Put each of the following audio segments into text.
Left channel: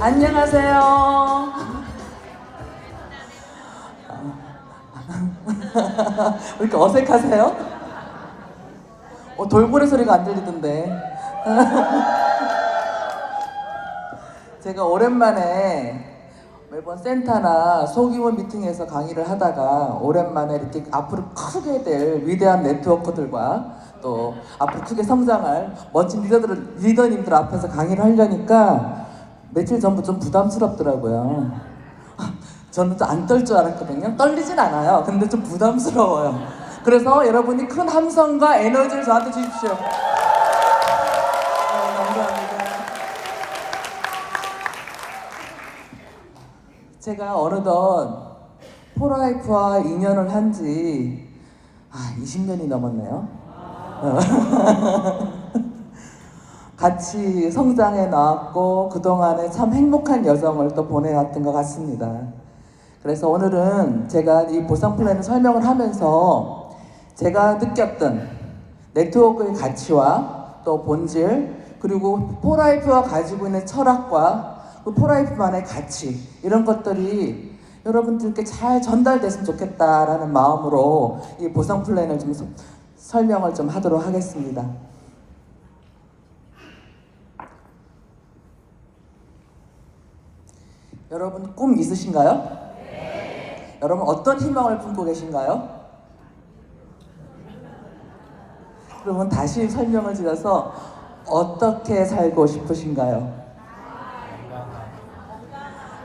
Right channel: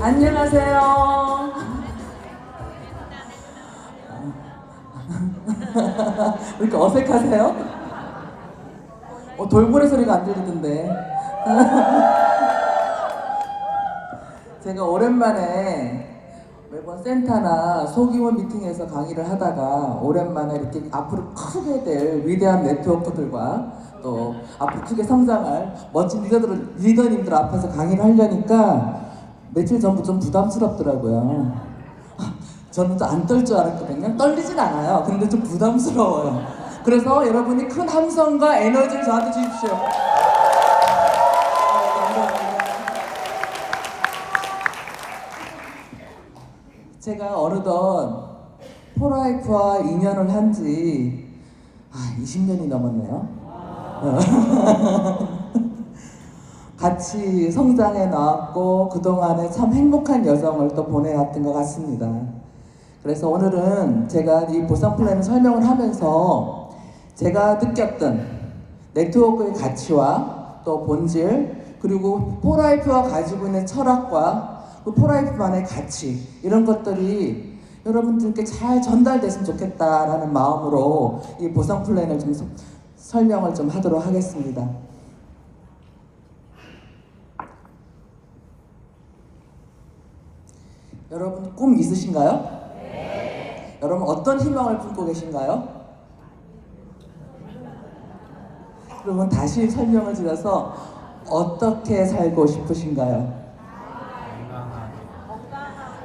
안녕하세요. 왜 이렇게 어색하세요? 돌고래 소리가 안 들리던데. 제가 오랜만에 매번 센터나 소규모 미팅에서 강의를 하다가 오랜만에 이렇게 앞으로 크게 될 위대한 네트워크들과 또 앞으로 크게 성장할 멋진 리더님들 앞에서 강의를 하려니까 며칠 전부터 좀 부담스럽더라고요. 저는 또 안 떨 줄 알았거든요. 떨리진 않아요. 근데 좀 부담스러워요. 그래서 여러분이 큰 함성과 에너지를 저한테 주십시오. 감사합니다. 제가 어느덧 포라이프와 인연을 한 지 20년이 넘었네요. 같이 성장해 나왔고 그동안에 참 행복한 여정을 또 보내왔던 것 같습니다. 그래서 오늘은 제가 이 보상 플랜을 설명을 하면서 제가 느꼈던 네트워크의 가치와 또 본질, 그리고 포라이프가 가지고 있는 철학과 그 포라이프만의 가치, 이런 것들이 여러분들께 잘 전달됐으면 좋겠다라는 마음으로 이 보상 플랜을 좀 설명을 좀 하도록 하겠습니다. 여러분 꿈 있으신가요? 네. 여러분 어떤 희망을 품고 계신가요? 그러면 다시 설명을 드려서 어떻게 살고 싶으신가요?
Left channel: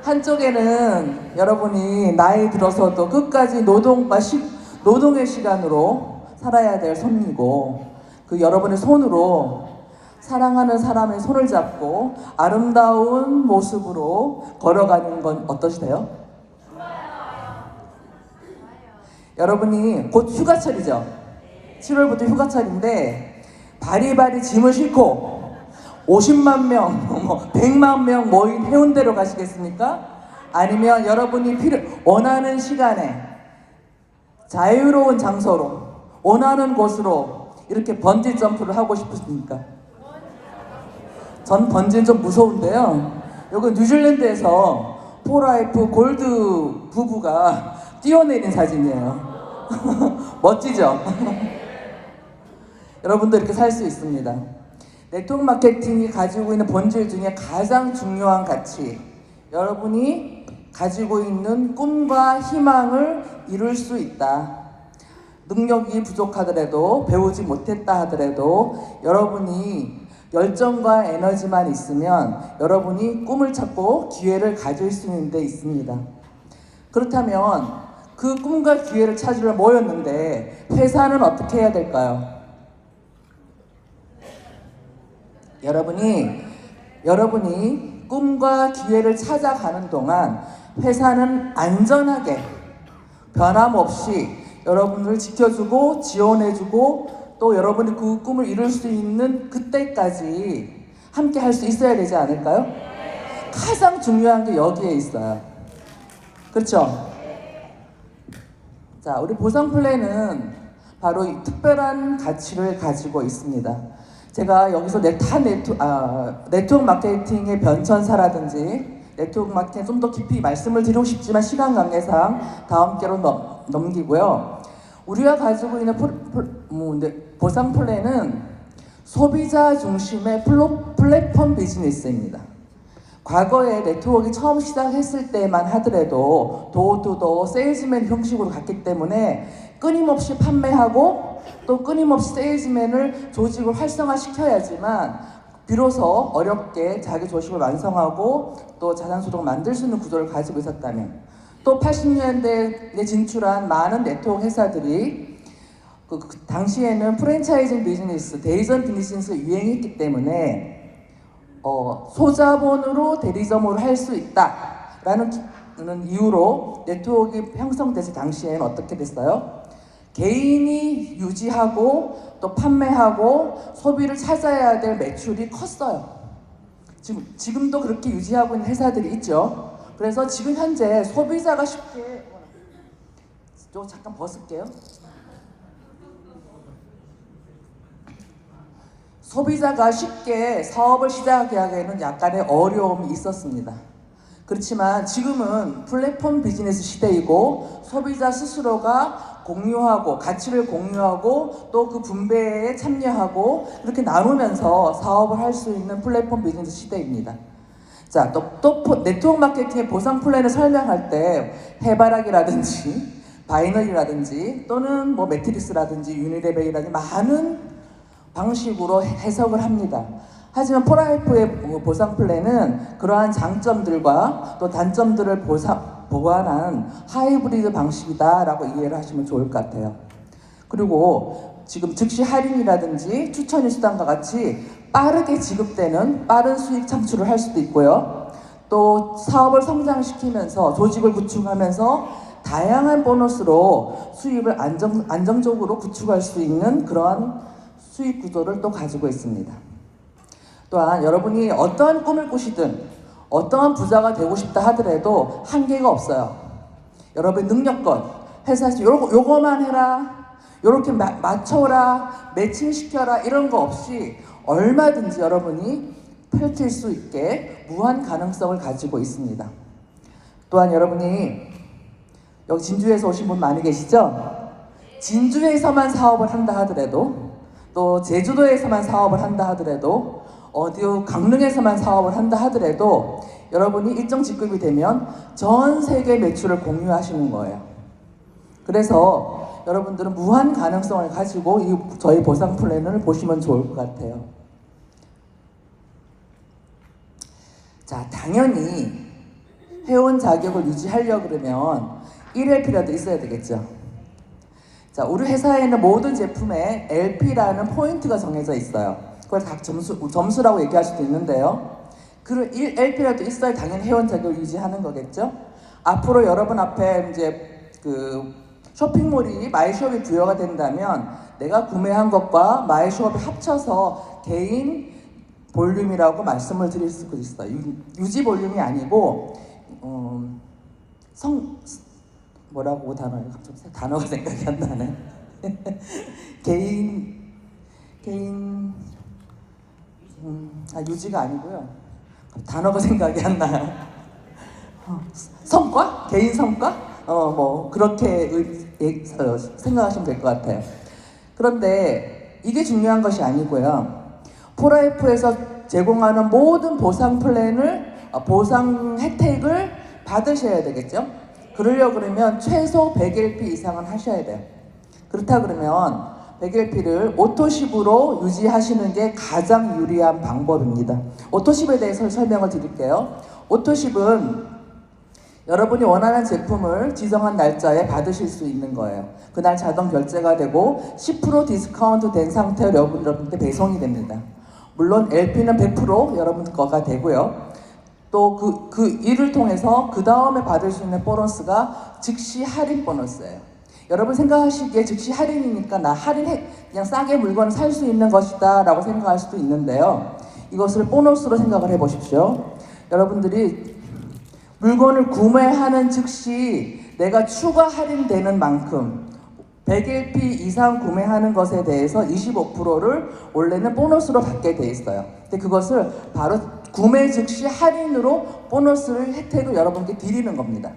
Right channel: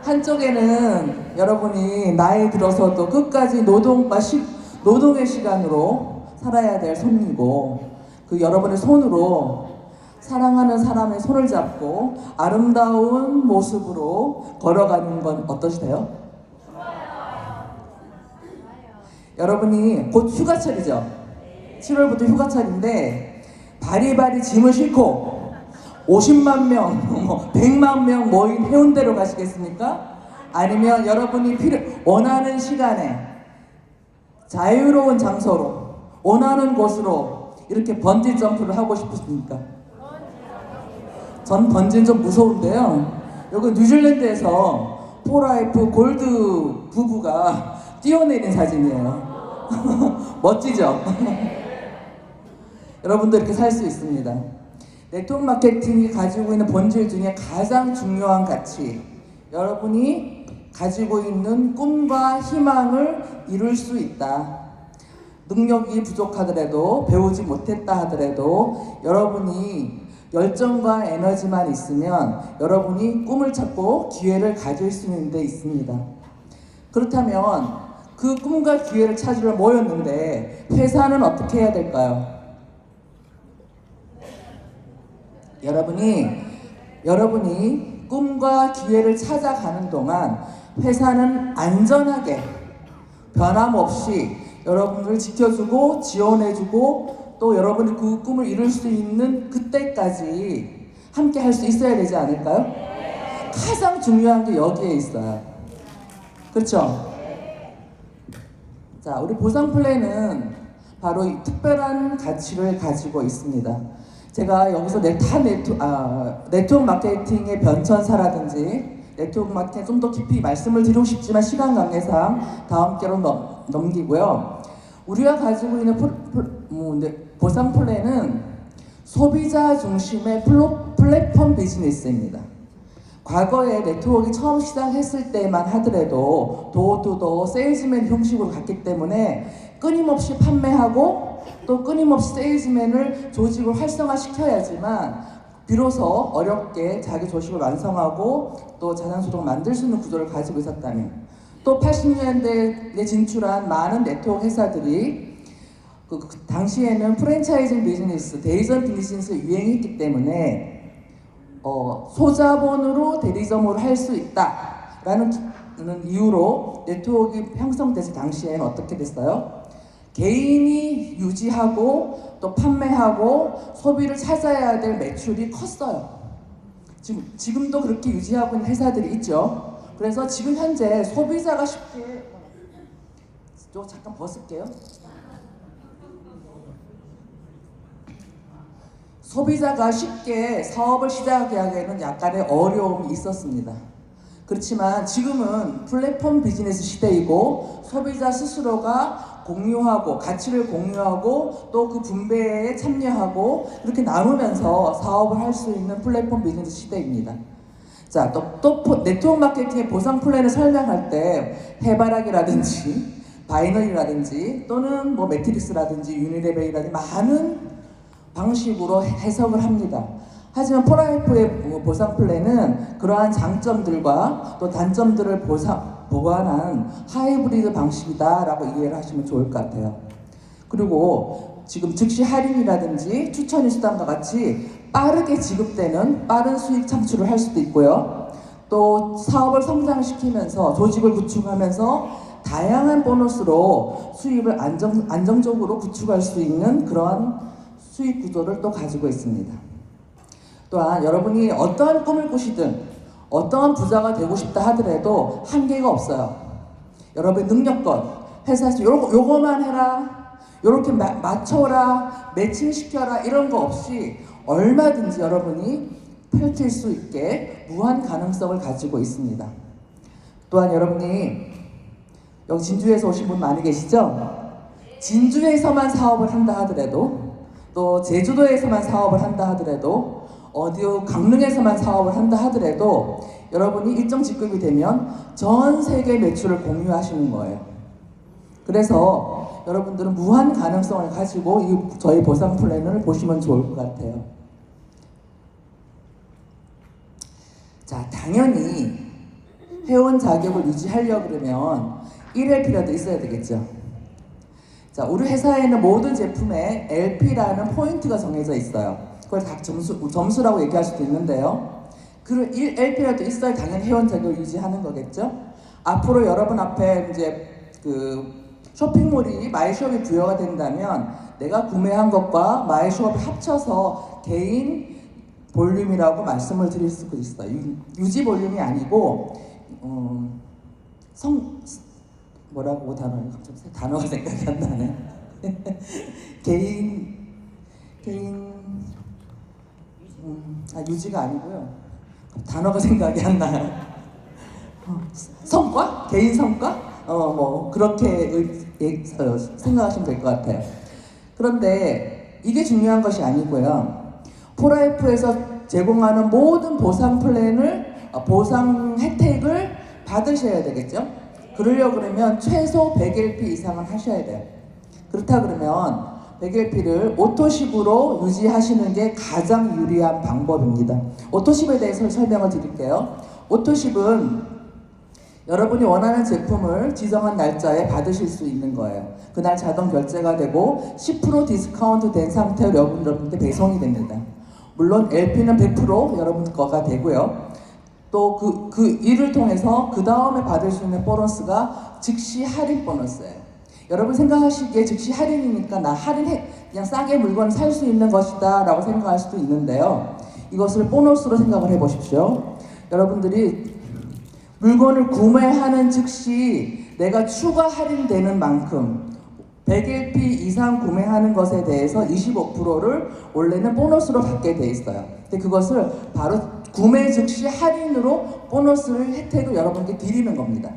한쪽에는 여러분이 나이 들어서도 끝까지 노동의 시간으로 살아야 될 손이고, 그 여러분의 손으로 사랑하는 사람의 손을 잡고 아름다운 모습으로 걸어가는 건 어떠세요? 여러분이 곧 휴가철이죠. 7월부터 휴가철인데 바리바리 짐을 싣고 50만 명, 100만 명 모인 해운대로 가시겠습니까? 아니면 여러분이 원하는 시간에 자유로운 장소로 원하는 곳으로 이렇게 번지 점프를 하고 싶으십니까? 전 번지는 좀 무서운데요. 여기 뉴질랜드에서 포라이프 골드 부부가 뛰어내린 사진이에요. 멋지죠? 여러분도 이렇게 살 수 있습니다. 네트워크 마케팅이 가지고 있는 본질 중에 가장 중요한 가치, 여러분이 가지고 있는 꿈과 희망을 이룰 수 있다. 능력이 부족하더라도, 배우지 못했다 하더라도 여러분이 열정과 에너지만 있으면 여러분이 꿈을 찾고 기회를 가질 수 있는 데 있습니다. 그렇다면 그 꿈과 기회를 찾으러 모였는데 회사는 어떻게 해야 될까요? 여러분이 꿈과 기회를 찾아가는 동안 회사는 안전하게 변함없이 여러분을 지켜주고 지원해주고 또 여러분이 그 꿈을 이룰 수 있는 그때까지 함께 할 수 있어야 되지 않을까요? 가장 중요한 게 여기에 있어요. 그렇죠? 자, 우리 보상 플랜은 바로 이 특별한 가치를 가지고 있습니다. 제가 여기서 네트워크 마케팅의 변천사라든지 네트워크 마케팅에 좀 더 깊이 말씀을 드리고 싶지만 시간 관계상 다음 기회로 넘기고요. 우리가 가지고 있는 보상 플랜은 소비자 중심의 플랫폼 비즈니스입니다. 과거에 네트워크가 처음 시작했을 때만 하더라도 도어투도어 세일즈맨 형식으로 갔기 때문에 끊임없이 판매하고 또 끊임없이 세일즈맨을 조직을 활성화시켜야지만 비로소 어렵게 자기 조직을 완성하고 또 자산소득을 만들 수 있는 구조를 가지고 있었다면, 또 80년대에 진출한 많은 네트워크 회사들이 그 당시에는 프랜차이징 비즈니스, 대리점 비즈니스가 유행했기 때문에 소자본으로 대리점으로 할 수 있다라는 이유로 네트워크가 형성돼서 당시에는 어떻게 됐어요? 개인이 유지하고 또 판매하고 소비를 찾아야 될 매출이 컸어요. 지금도 그렇게 유지하고 있는 회사들이 있죠. 그래서 지금 현재 소비자가 쉽게 잠깐 벗을게요. 소비자가 쉽게 사업을 시작하기에는 약간의 어려움이 있었습니다. 그렇지만 지금은 플랫폼 비즈니스 시대이고 소비자 스스로가 공유하고 가치를 공유하고 또 그 분배에 참여하고 이렇게 나누면서 사업을 할 수 있는 플랫폼 비즈니스 시대입니다. 자, 또 네트워크 마케팅의 보상 플랜을 설명할 때 해바라기라든지 바이너리라든지 또는 뭐 매트릭스라든지 유니레벨이라든지 많은 방식으로 해석을 합니다. 하지만 포라이프의 보상 플랜은 그러한 장점들과 또 단점들을 보완한 하이브리드 방식이다라고 이해를 하시면 좋을 것 같아요. 그리고 지금 즉시 할인이라든지 추천일 수당과 같이 빠르게 지급되는 빠른 수익 창출을 할 수도 있고요. 또 사업을 성장시키면서 조직을 구축하면서 다양한 보너스로 수입을 안정적으로 구축할 수 있는 그러한 수익 구조를 또 가지고 있습니다. 또한 여러분이 어떠한 꿈을 꾸시든 어떠한 부자가 되고 싶다 하더라도 한계가 없어요. 여러분의 능력껏 회사에서 요거만 해라, 요렇게 맞춰라, 매칭시켜라 이런 거 없이 얼마든지 여러분이 펼칠 수 있게 무한 가능성을 가지고 있습니다. 또한 여러분이 여기 진주에서 오신 분 많이 계시죠? 진주에서만 사업을 한다 하더라도 또 제주도에서만 사업을 한다 하더라도 어디 강릉에서만 사업을 한다 하더라도 여러분이 일정 직급이 되면 전 세계 매출을 공유하시는 거예요. 그래서 여러분들은 무한 가능성을 가지고 저희 보상 플랜을 보시면 좋을 것 같아요. 자, 당연히 회원 자격을 유지하려고 그러면 1LP라도 있어야 되겠죠. 자, 우리 회사에는 모든 제품에 LP라는 포인트가 정해져 있어요. 그걸 각 점수라고 얘기할 수도 있는데요. 그 1LP라도 있어야 당연히 회원 자격을 유지하는 거겠죠. 앞으로 여러분 앞에 이제 그 쇼핑몰이 마이숍이 부여가 된다면 내가 구매한 것과 마이숍이 합쳐서 개인 볼륨이라고 말씀을 드릴 수도 있어요. 유지 볼륨이 아니고 뭐라고 단어가 생각이 안 나네. 유지가 아니고요. 단어가 생각이 안 나요. 성과? 개인 성과? 뭐 그렇게 생각하시면 될 것 같아요. 그런데 이게 중요한 것이 아니고요. 포라이프에서 제공하는 모든 보상 플랜을 보상 혜택을 받으셔야 되겠죠. 그러려고 그러면 최소 100LP 이상은 하셔야 돼요. 그렇다 그러면 100LP를 오토십으로 유지하시는 게 가장 유리한 방법입니다. 오토십에 대해서 설명을 드릴게요. 오토십은 여러분이 원하는 제품을 지정한 날짜에 받으실 수 있는 거예요. 그날 자동 결제가 되고 10% 디스카운트 된 상태로 여러분한테 배송이 됩니다. 물론 LP는 100% 여러분 거가 되고요. 또 그 일을 통해서 그 다음에 받을 수 있는 보너스가 즉시 할인 보너스예요. 여러분 생각하시기에 즉시 할인이니까 나 할인해 그냥 싸게 물건을 살 수 있는 것이다 라고 생각할 수도 있는데요. 이것을 보너스로 생각을 해보십시오. 여러분들이 물건을 구매하는 즉시 내가 추가 할인되는 만큼 100LP 이상 구매하는 것에 대해서 25%를 원래는 보너스로 받게 돼 있어요. 근데 그것을 바로 구매 즉시 할인으로 보너스를 혜택을 여러분께 드리는 겁니다.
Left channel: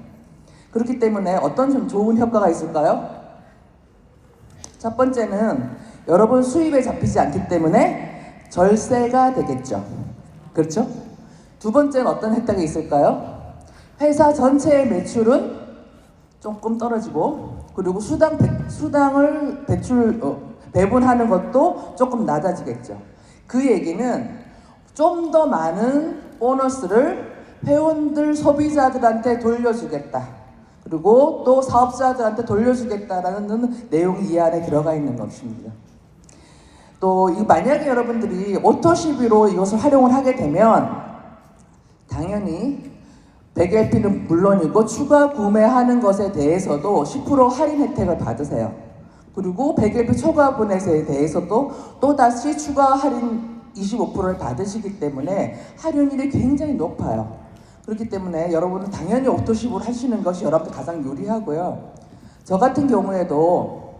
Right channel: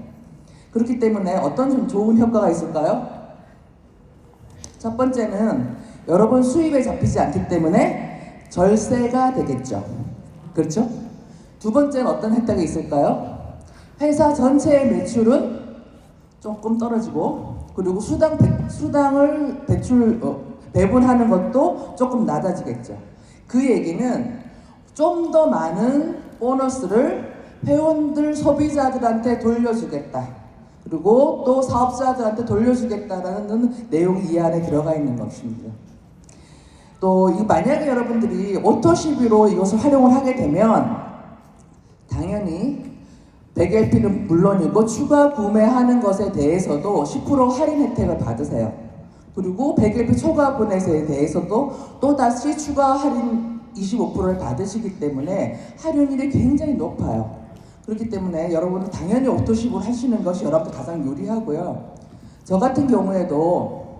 그렇기 때문에 어떤 좀 좋은 효과가 있을까요? 첫 번째는 여러분 수입에 잡히지 않기 때문에 절세가 되겠죠. 그렇죠? 두 번째는 어떤 혜택이 있을까요? 회사 전체의 매출은 조금 떨어지고 그리고 수당을 배분하는 것도 조금 낮아지겠죠. 그 얘기는 좀 더 많은 보너스를 회원들 소비자들한테 돌려주겠다. 그리고 또 사업자들한테 돌려주겠다라는 내용이 이 안에 들어가 있는 것입니다. 또 만약에 여러분들이 오토시비로 이것을 활용을 하게 되면 당연히 100LP는 물론이고 추가 구매하는 것에 대해서도 10% 할인 혜택을 받으세요. 그리고 100LP 초과 분해에 대해서도 또다시 추가 할인 25%를 받으시기 때문에 할인율이 굉장히 높아요. 그렇기 때문에 여러분은 당연히 오토십으로 하시는 것이 여러분들 가장 유리하고요. 저 같은 경우에도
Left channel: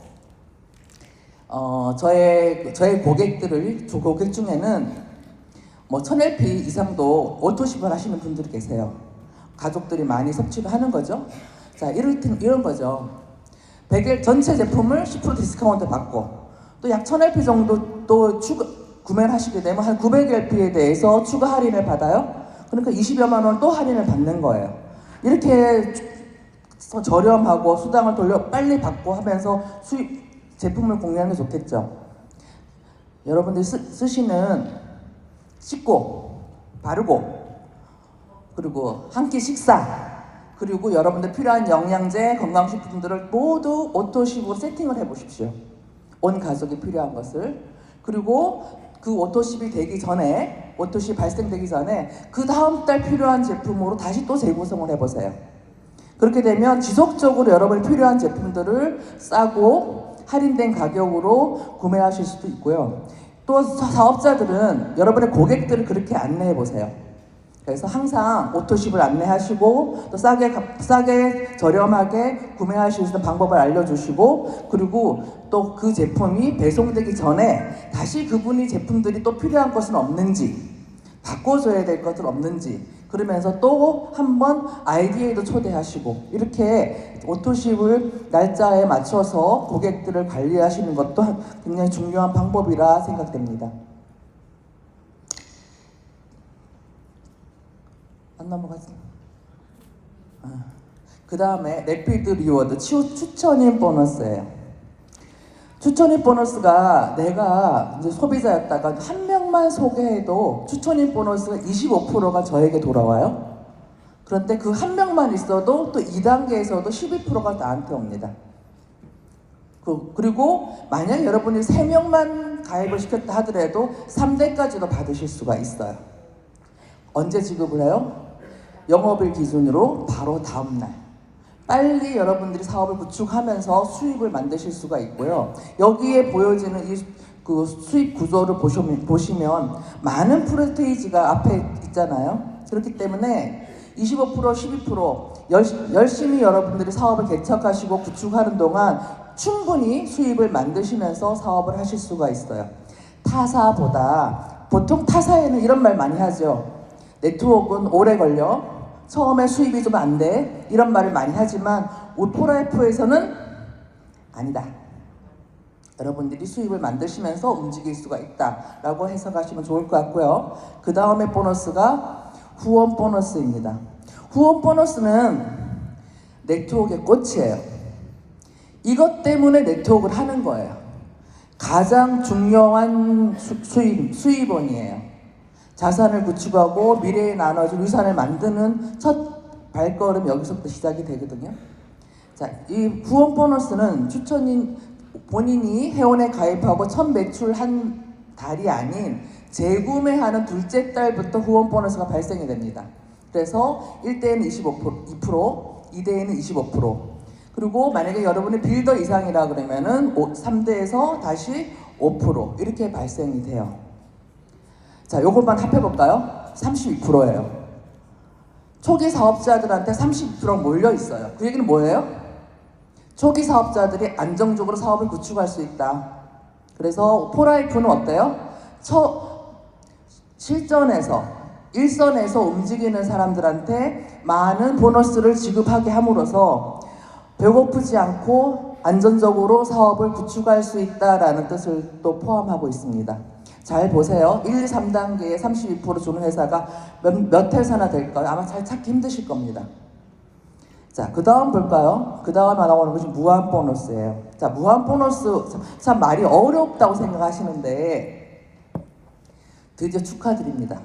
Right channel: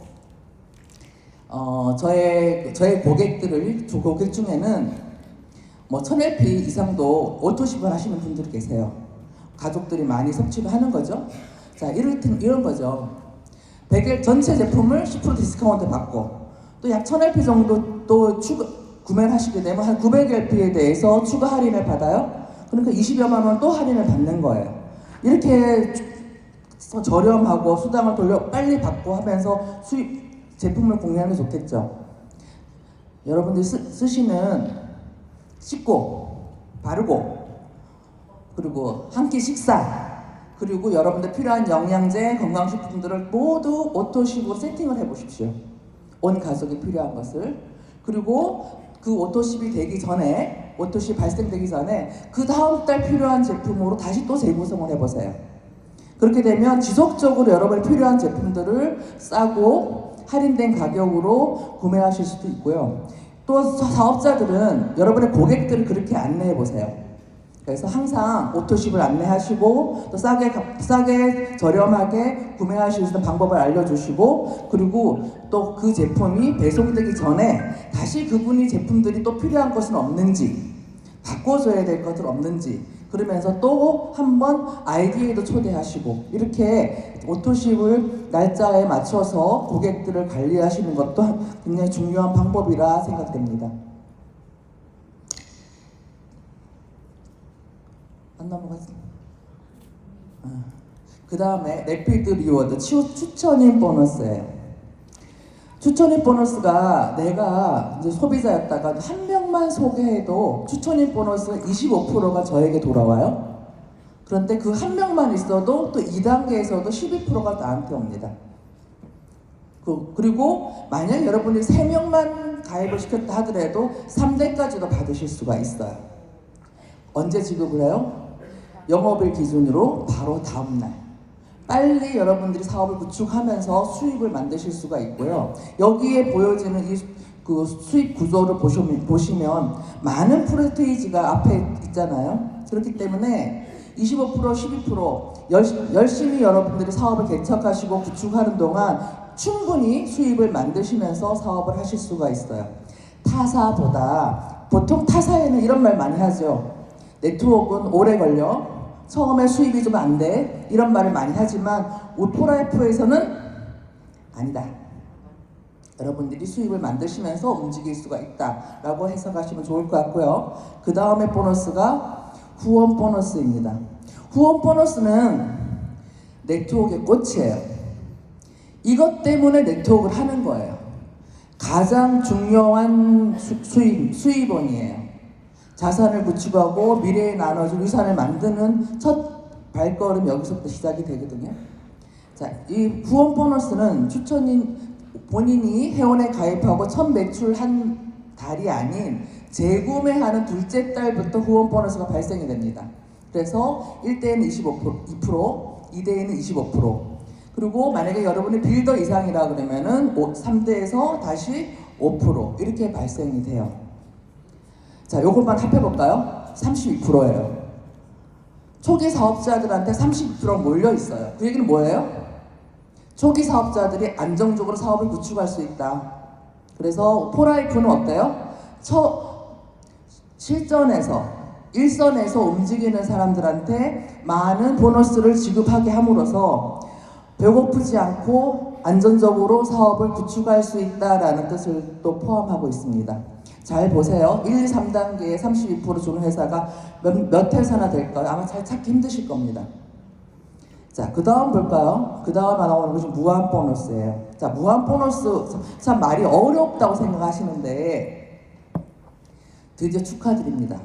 저의 고객 중에는 뭐 1000LP 이상도 오토십을 하시는 분들이 계세요. 가족들이 많이 섭취를 하는 거죠. 자, 이런 거죠. 100일 전체 제품을 10% 디스카운트 받고 또 약 1000LP 정도 또 구매를 하시게 되면 한 900LP에 대해서 추가 할인을 받아요. 그러니까 20여만 원 또 할인을 받는 거예요. 이렇게 저렴하고 수당을 돌려 빨리 받고 하면서 제품을 공유하는 게 좋겠죠. 여러분들이 쓰시는 씻고 바르고 그리고 한 끼 식사 그리고 여러분들 필요한 영양제 건강식품들을 모두 오토십으로 세팅을 해보십시오. 온 가족이 필요한 것을. 그리고 그 오토십이 되기 전에 오토십 발생되기 전에 그 다음 달 필요한 제품으로 다시 또 재구성을 해보세요. 그렇게 되면 지속적으로 여러분이 필요한 제품들을 싸고 할인된 가격으로 구매하실 수도 있고요. 또 사업자들은 여러분의 고객들을 그렇게 안내해 보세요. 그래서 항상 오토십을 안내하시고 또 싸게 저렴하게 구매하실 수 있는 방법을 알려주시고 그리고 또 그 제품이 배송되기 전에 다시 그분이 제품들이 또 필요한 것은 없는지 바꿔줘야 될 것은 없는지 그러면서 또 한번 아이디에도 초대하시고 이렇게 오토십을 날짜에 맞춰서 고객들을 관리하시는 것도 굉장히 중요한 방법이라 생각됩니다. 안 넘어갔어. 그 다음에 래피드 리워드 추천인 보너스예요. 추천인 보너스가 내가 이제 소비자였다가 한 명만 소개해도 추천인 보너스 25%가 저에게 돌아와요. 그런데 그 한 명만 있어도 또 2단계에서도 12%가 나한테 옵니다. 그리고 만약 여러분이 3명만 가입을 시켰다 하더라도 3대까지도 받으실 수가 있어요. 언제 지급을 해요? 영업일 기준으로 바로 다음날. 빨리 여러분들이 사업을 구축하면서 수입을 만드실 수가 있고요. 여기에 보여지는 그 수입 구조를 보시면 많은 프로테이지가 앞에 있잖아요. 그렇기 때문에 25%, 12% 열심히 여러분들이 사업을 개척하시고 구축하는 동안 충분히 수입을 만드시면서 사업을 하실 수가 있어요. 타사보다 보통 타사에는 이런 말 많이 하죠. 네트워크는 오래 걸려. 처음에 수입이 좀 안 돼. 이런 말을 많이 하지만 오토라이프에서는 아니다. 여러분들이 수입을 만드시면서 움직일 수가 있다라고 해석하시면 좋을 것 같고요. 그 다음에 보너스가 후원 보너스입니다. 후원 보너스는 네트워크의 꽃이에요. 이것 때문에 네트워크를 하는 거예요. 가장 중요한 수입원이에요. 자산을 구축하고 미래에 나눠줄 유산을 만드는 첫 발걸음 여기서부터 시작이 되거든요. 자, 이 후원 보너스는 추천인 본인이 회원에 가입하고 첫 매출한 달이 아닌 재구매하는 둘째 달부터 후원 보너스가 발생이 됩니다. 그래서 1대에는 25%, 2%, 2대에는 25%. 그리고 만약에 여러분이 빌더 이상이라 그러면은 3대에서 다시 5% 이렇게 발생이 돼요. 자, 요것만 합해볼까요? 32%예요. 초기 사업자들한테 32%가 몰려 있어요. 그 얘기는 뭐예요? 초기 사업자들이 안정적으로 사업을 구축할 수 있다. 그래서 포라이프는 어때요? 실전에서 일선에서 움직이는 사람들한테 많은 보너스를 지급하게 함으로써 배고프지 않고 안전적으로 사업을 구축할 수 있다라는 뜻을 또 포함하고 있습니다. 잘 보세요. 1, 2, 3단계에 32% 주는 회사가 몇 회사나 될까요? 아마 잘 찾기 힘드실 겁니다. 자, 그 다음 볼까요? 그 다음에 나오는 것이 무한 보너스예요. 자, 무한 보너스 참 말이 어렵다고 생각하시는데 드디어 축하드립니다.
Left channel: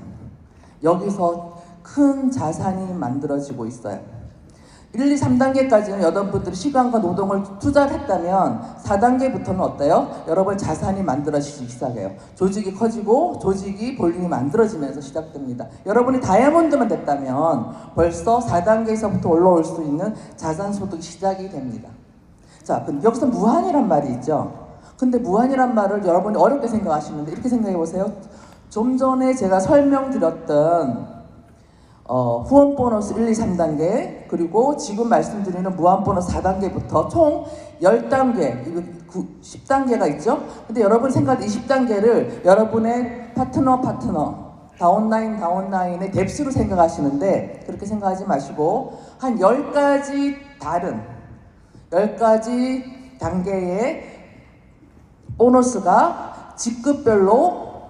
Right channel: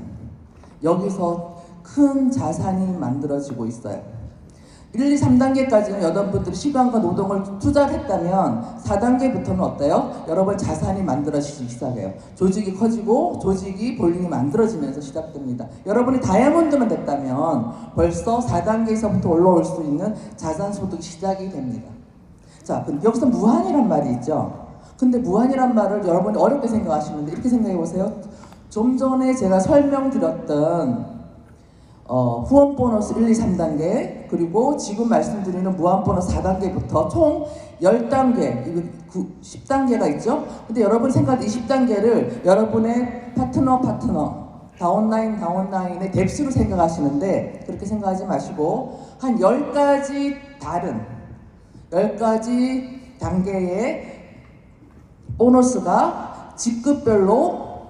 여기서 큰 자산이 만들어지고 있어요. 1, 2, 3단계까지는 여러분들이 시간과 노동을 투자를 했다면 4단계부터는 어때요? 여러분 자산이 만들어지기 시작해요. 조직이 커지고 조직이 볼륨이 만들어지면서 시작됩니다. 여러분이 다이아몬드만 됐다면 벌써 4단계에서부터 올라올 수 있는 자산 소득이 시작이 됩니다. 자, 근데 여기서 무한이란 말이 있죠. 근데 무한이란 말을 여러분이 어렵게 생각하시는데 이렇게 생각해 보세요. 좀 전에 제가 설명드렸던 후원 보너스 1, 2, 3단계 그리고 지금 말씀드리는 무한 보너스 4단계부터 총 10단계, 10단계가 있죠? 근데 여러분 생각할 이 10단계를 여러분의 파트너, 다운라인의 뎁스로 생각하시는데 그렇게 생각하지 마시고 한 10가지 다른 10가지 단계의 보너스가 직급별로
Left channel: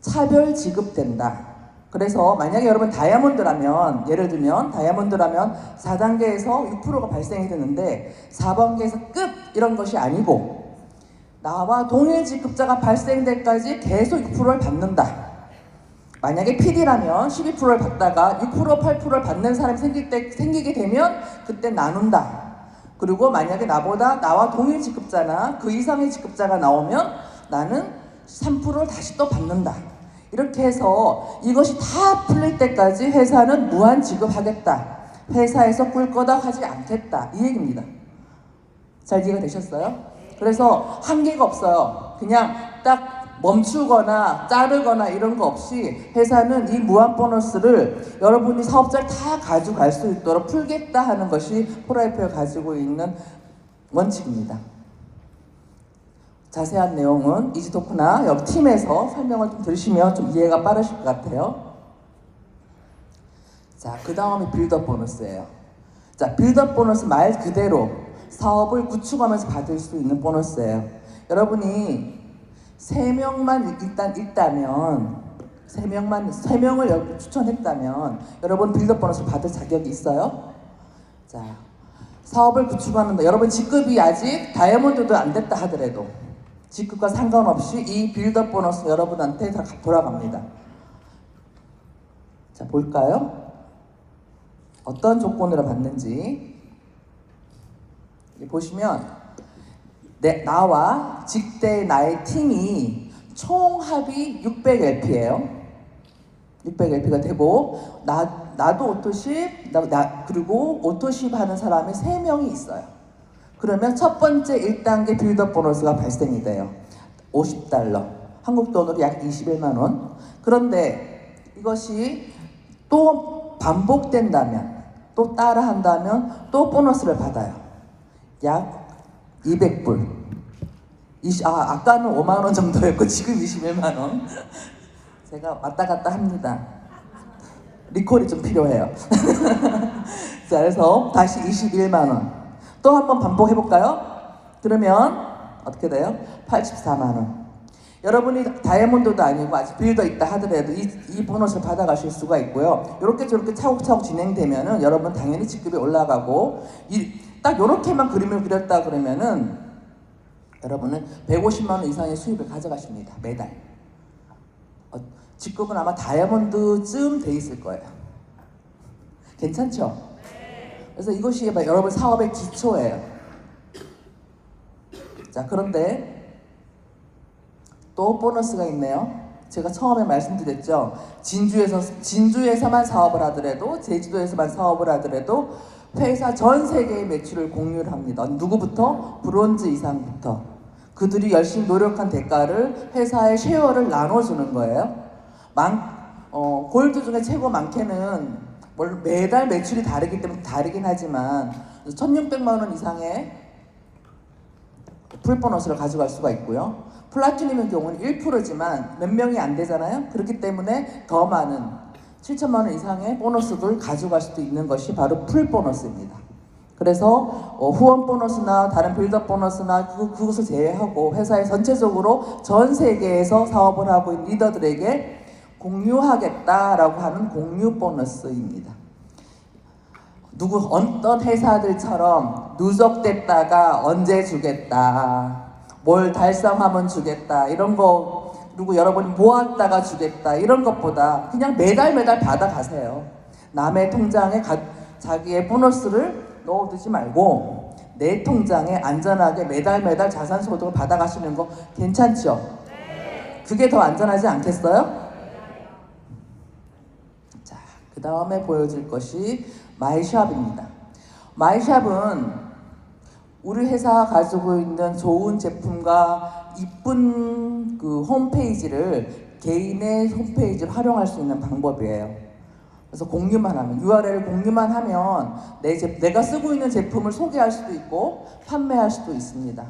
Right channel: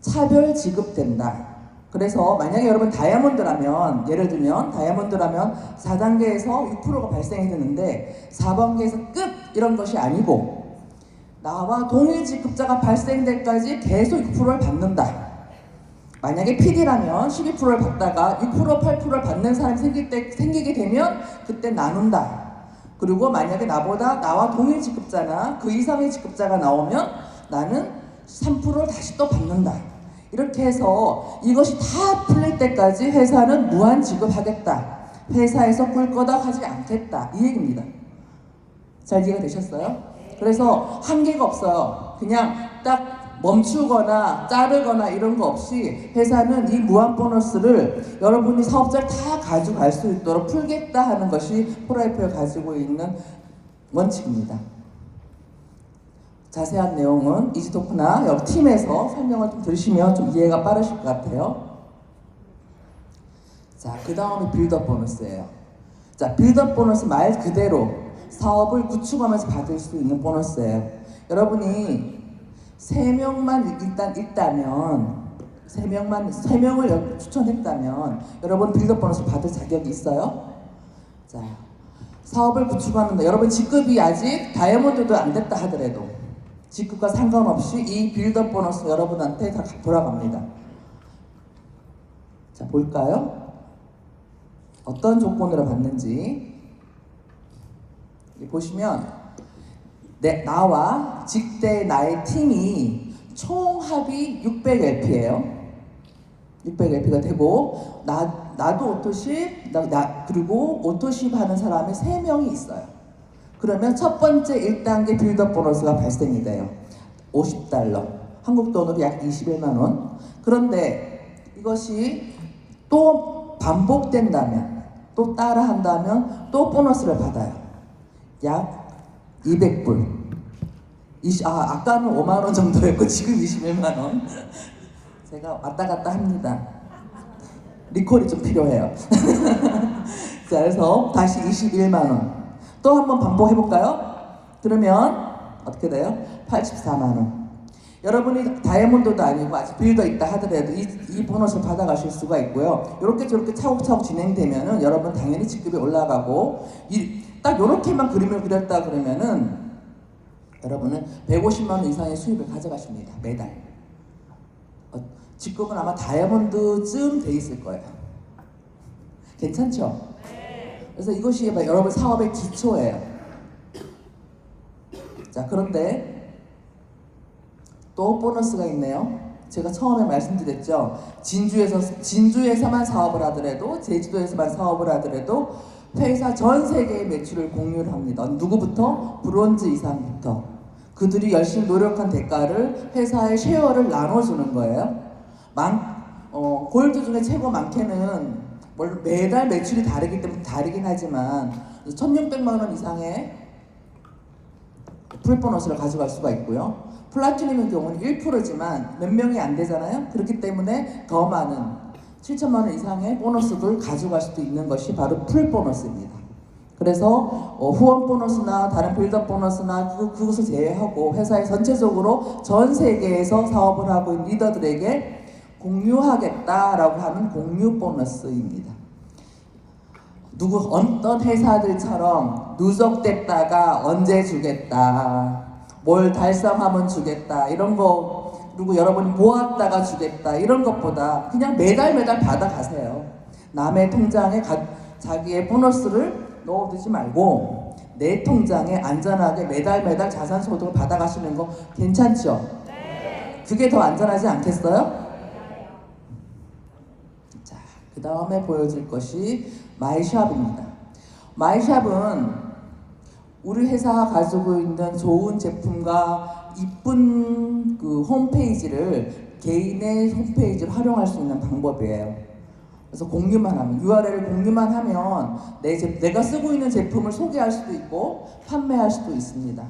차별 지급된다. 그래서 만약에 여러분 다이아몬드라면 예를 들면 다이아몬드라면 4단계에서 6%가 발생이 되는데 4단계에서 끝 이런 것이 아니고 나와 동일 직급자가 발생될 때까지 계속 6%를 받는다. 만약에 PD라면 12%를 받다가 6%, 8%를 받는 사람이 생기게 되면 그때 나눈다. 그리고 만약에 나와 동일 직급자나 그 이상의 직급자가 나오면 나는 3%를 다시 또 받는다. 이렇게 해서 이것이 다 풀릴 때까지 회사는 무한 지급하겠다. 회사에서 꿀거덕 하지 않겠다. 이 얘기입니다. 잘 이해가 되셨어요? 그래서 한계가 없어요. 그냥 딱 멈추거나 자르거나 이런 거 없이 회사는 이 무한 보너스를 여러분이 사업자를 다 가져갈 수 있도록 풀겠다 하는 것이 폴라이프가 가지고 있는 원칙입니다. 자세한 내용은 이지토크나 여기 팀에서 설명을 좀 들으시면 좀 이해가 빠르실 것 같아요. 자, 그 다음에 빌드업 보너스예요. 자, 빌드업 보너스 말 그대로 사업을 구축하면서 받을 수 있는 보너스예요. 여러분이 3명만 일단 있다면 3명을 추천했다면 여러분 빌드업 보너스 받을 자격이 있어요? 자, 사업을 구축하는데 여러분 직급이 아직 다이아몬드도 안 됐다 하더라도 직급과 상관없이 이 빌드업 보너스 여러분한테 다 돌아갑니다. 자, 볼까요? 어떤 조건으로 받는지 보시면 나와 직대 나의 팀이 총 합이 600LP예요. 600LP가 되고 나도 오토십 그리고 오토십 하는 사람이 3명이 있어요. 그러면 첫 번째 1단계 빌드업 보너스가 발생이 돼요. $50. 한국 돈으로 약 21만 원. 그런데 이것이 또 반복된다면 또 따라한다면 또 보너스를 받아요. 약 200불. 아까는 5만 원 정도였고 지금 21만 원. 제가 왔다 갔다 합니다. 리콜이 좀 필요해요. 자, 그래서 다시 21만 원. 또 한번 반복해볼까요? 그러면 어떻게 돼요? 84만 원. 여러분이 다이아몬드도 아니고 아직 빌더 있다 하더라도 이 보너스를 받아가실 수가 있고요. 이렇게 저렇게 차곡차곡 진행되면은 여러분 당연히 직급이 올라가고 딱 이렇게만 그림을 그렸다 그러면은 여러분은 150만 원 이상의 수입을 가져가십니다. 매달. 직급은 아마 다이아몬드쯤 돼 있을 거예요. 괜찮죠? 그래서 이것이 여러분 사업의 기초예요. 자, 그런데 또 보너스가 있네요. 제가 처음에 말씀드렸죠. 진주에서만 사업을 하더라도 제주도에서만 사업을 하더라도 회사 전 세계의 매출을 공유를 합니다. 누구부터? 브론즈 이상부터. 그들이 열심히 노력한 대가를 회사의 쉐어를 나눠주는 거예요. 골드 중에 최고 많게는 매달 매출이 다르기 때문에 다르긴 하지만 1,600만 원 이상의 풀보너스를 가져갈 수가 있고요. 플라티늄의 경우는 1%지만 몇 명이 안 되잖아요. 그렇기 때문에 더 많은 7천만 원 이상의 보너스를 가져갈 수도 있는 것이 바로 풀보너스입니다. 그래서 후원 보너스나 다른 빌드업 보너스나 그것을 제외하고 회사에 전체적으로 전 세계에서 사업을 하고 있는 리더들에게 공유하겠다라고 하는 공유 보너스입니다. 어떤 회사들처럼 누적됐다가 언제 주겠다, 뭘 달성하면 주겠다 이런 거, 그리고 여러분이 모았다가 주겠다 이런 것보다 그냥 매달 받아가세요. 남의 통장에 자기의 보너스를 넣어두지 말고 내 통장에 안전하게 매달 자산 소득을 받아가시는 거 괜찮죠? 그게 더 안전하지 않겠어요? 자, 그 다음에 보여줄 것이 마이샵입니다. 마이샵은 우리 회사가 가지고 있는 좋은 제품과 이쁜 그 홈페이지를 개인의 홈페이지를 활용할 수 있는 방법이에요. 그래서 공유만 하면, URL을 공유만 하면 내가 쓰고 있는 제품을 소개할 수도 있고 판매할 수도 있습니다.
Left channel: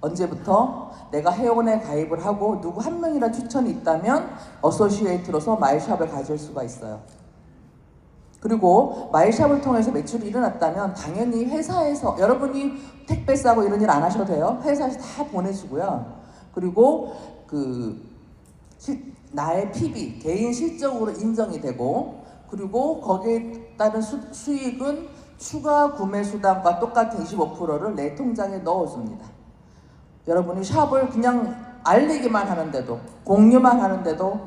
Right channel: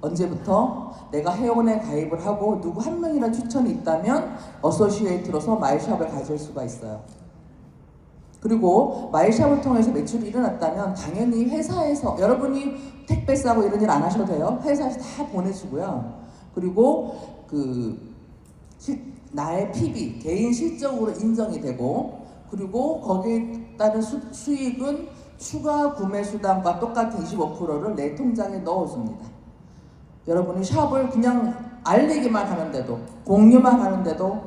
언제부터? 내가 회원에 가입을 하고 누구 한 명이라 추천이 있다면 어소시에이트로서 마이샵을 가질 수가 있어요. 그리고 마이샵을 통해서 매출이 일어났다면 당연히 회사에서, 여러분이 택배 싸고 이런 일 안 하셔도 돼요. 회사에서 다 보내주고요. 그리고 나의 PB, 개인 실적으로 인정이 되고, 그리고 거기에 따른 수익은 추가 구매 수당과 똑같은 25%를 내 통장에 넣어줍니다. 여러분이 샵을 그냥 알리기만 하는데도, 공유만 하는데도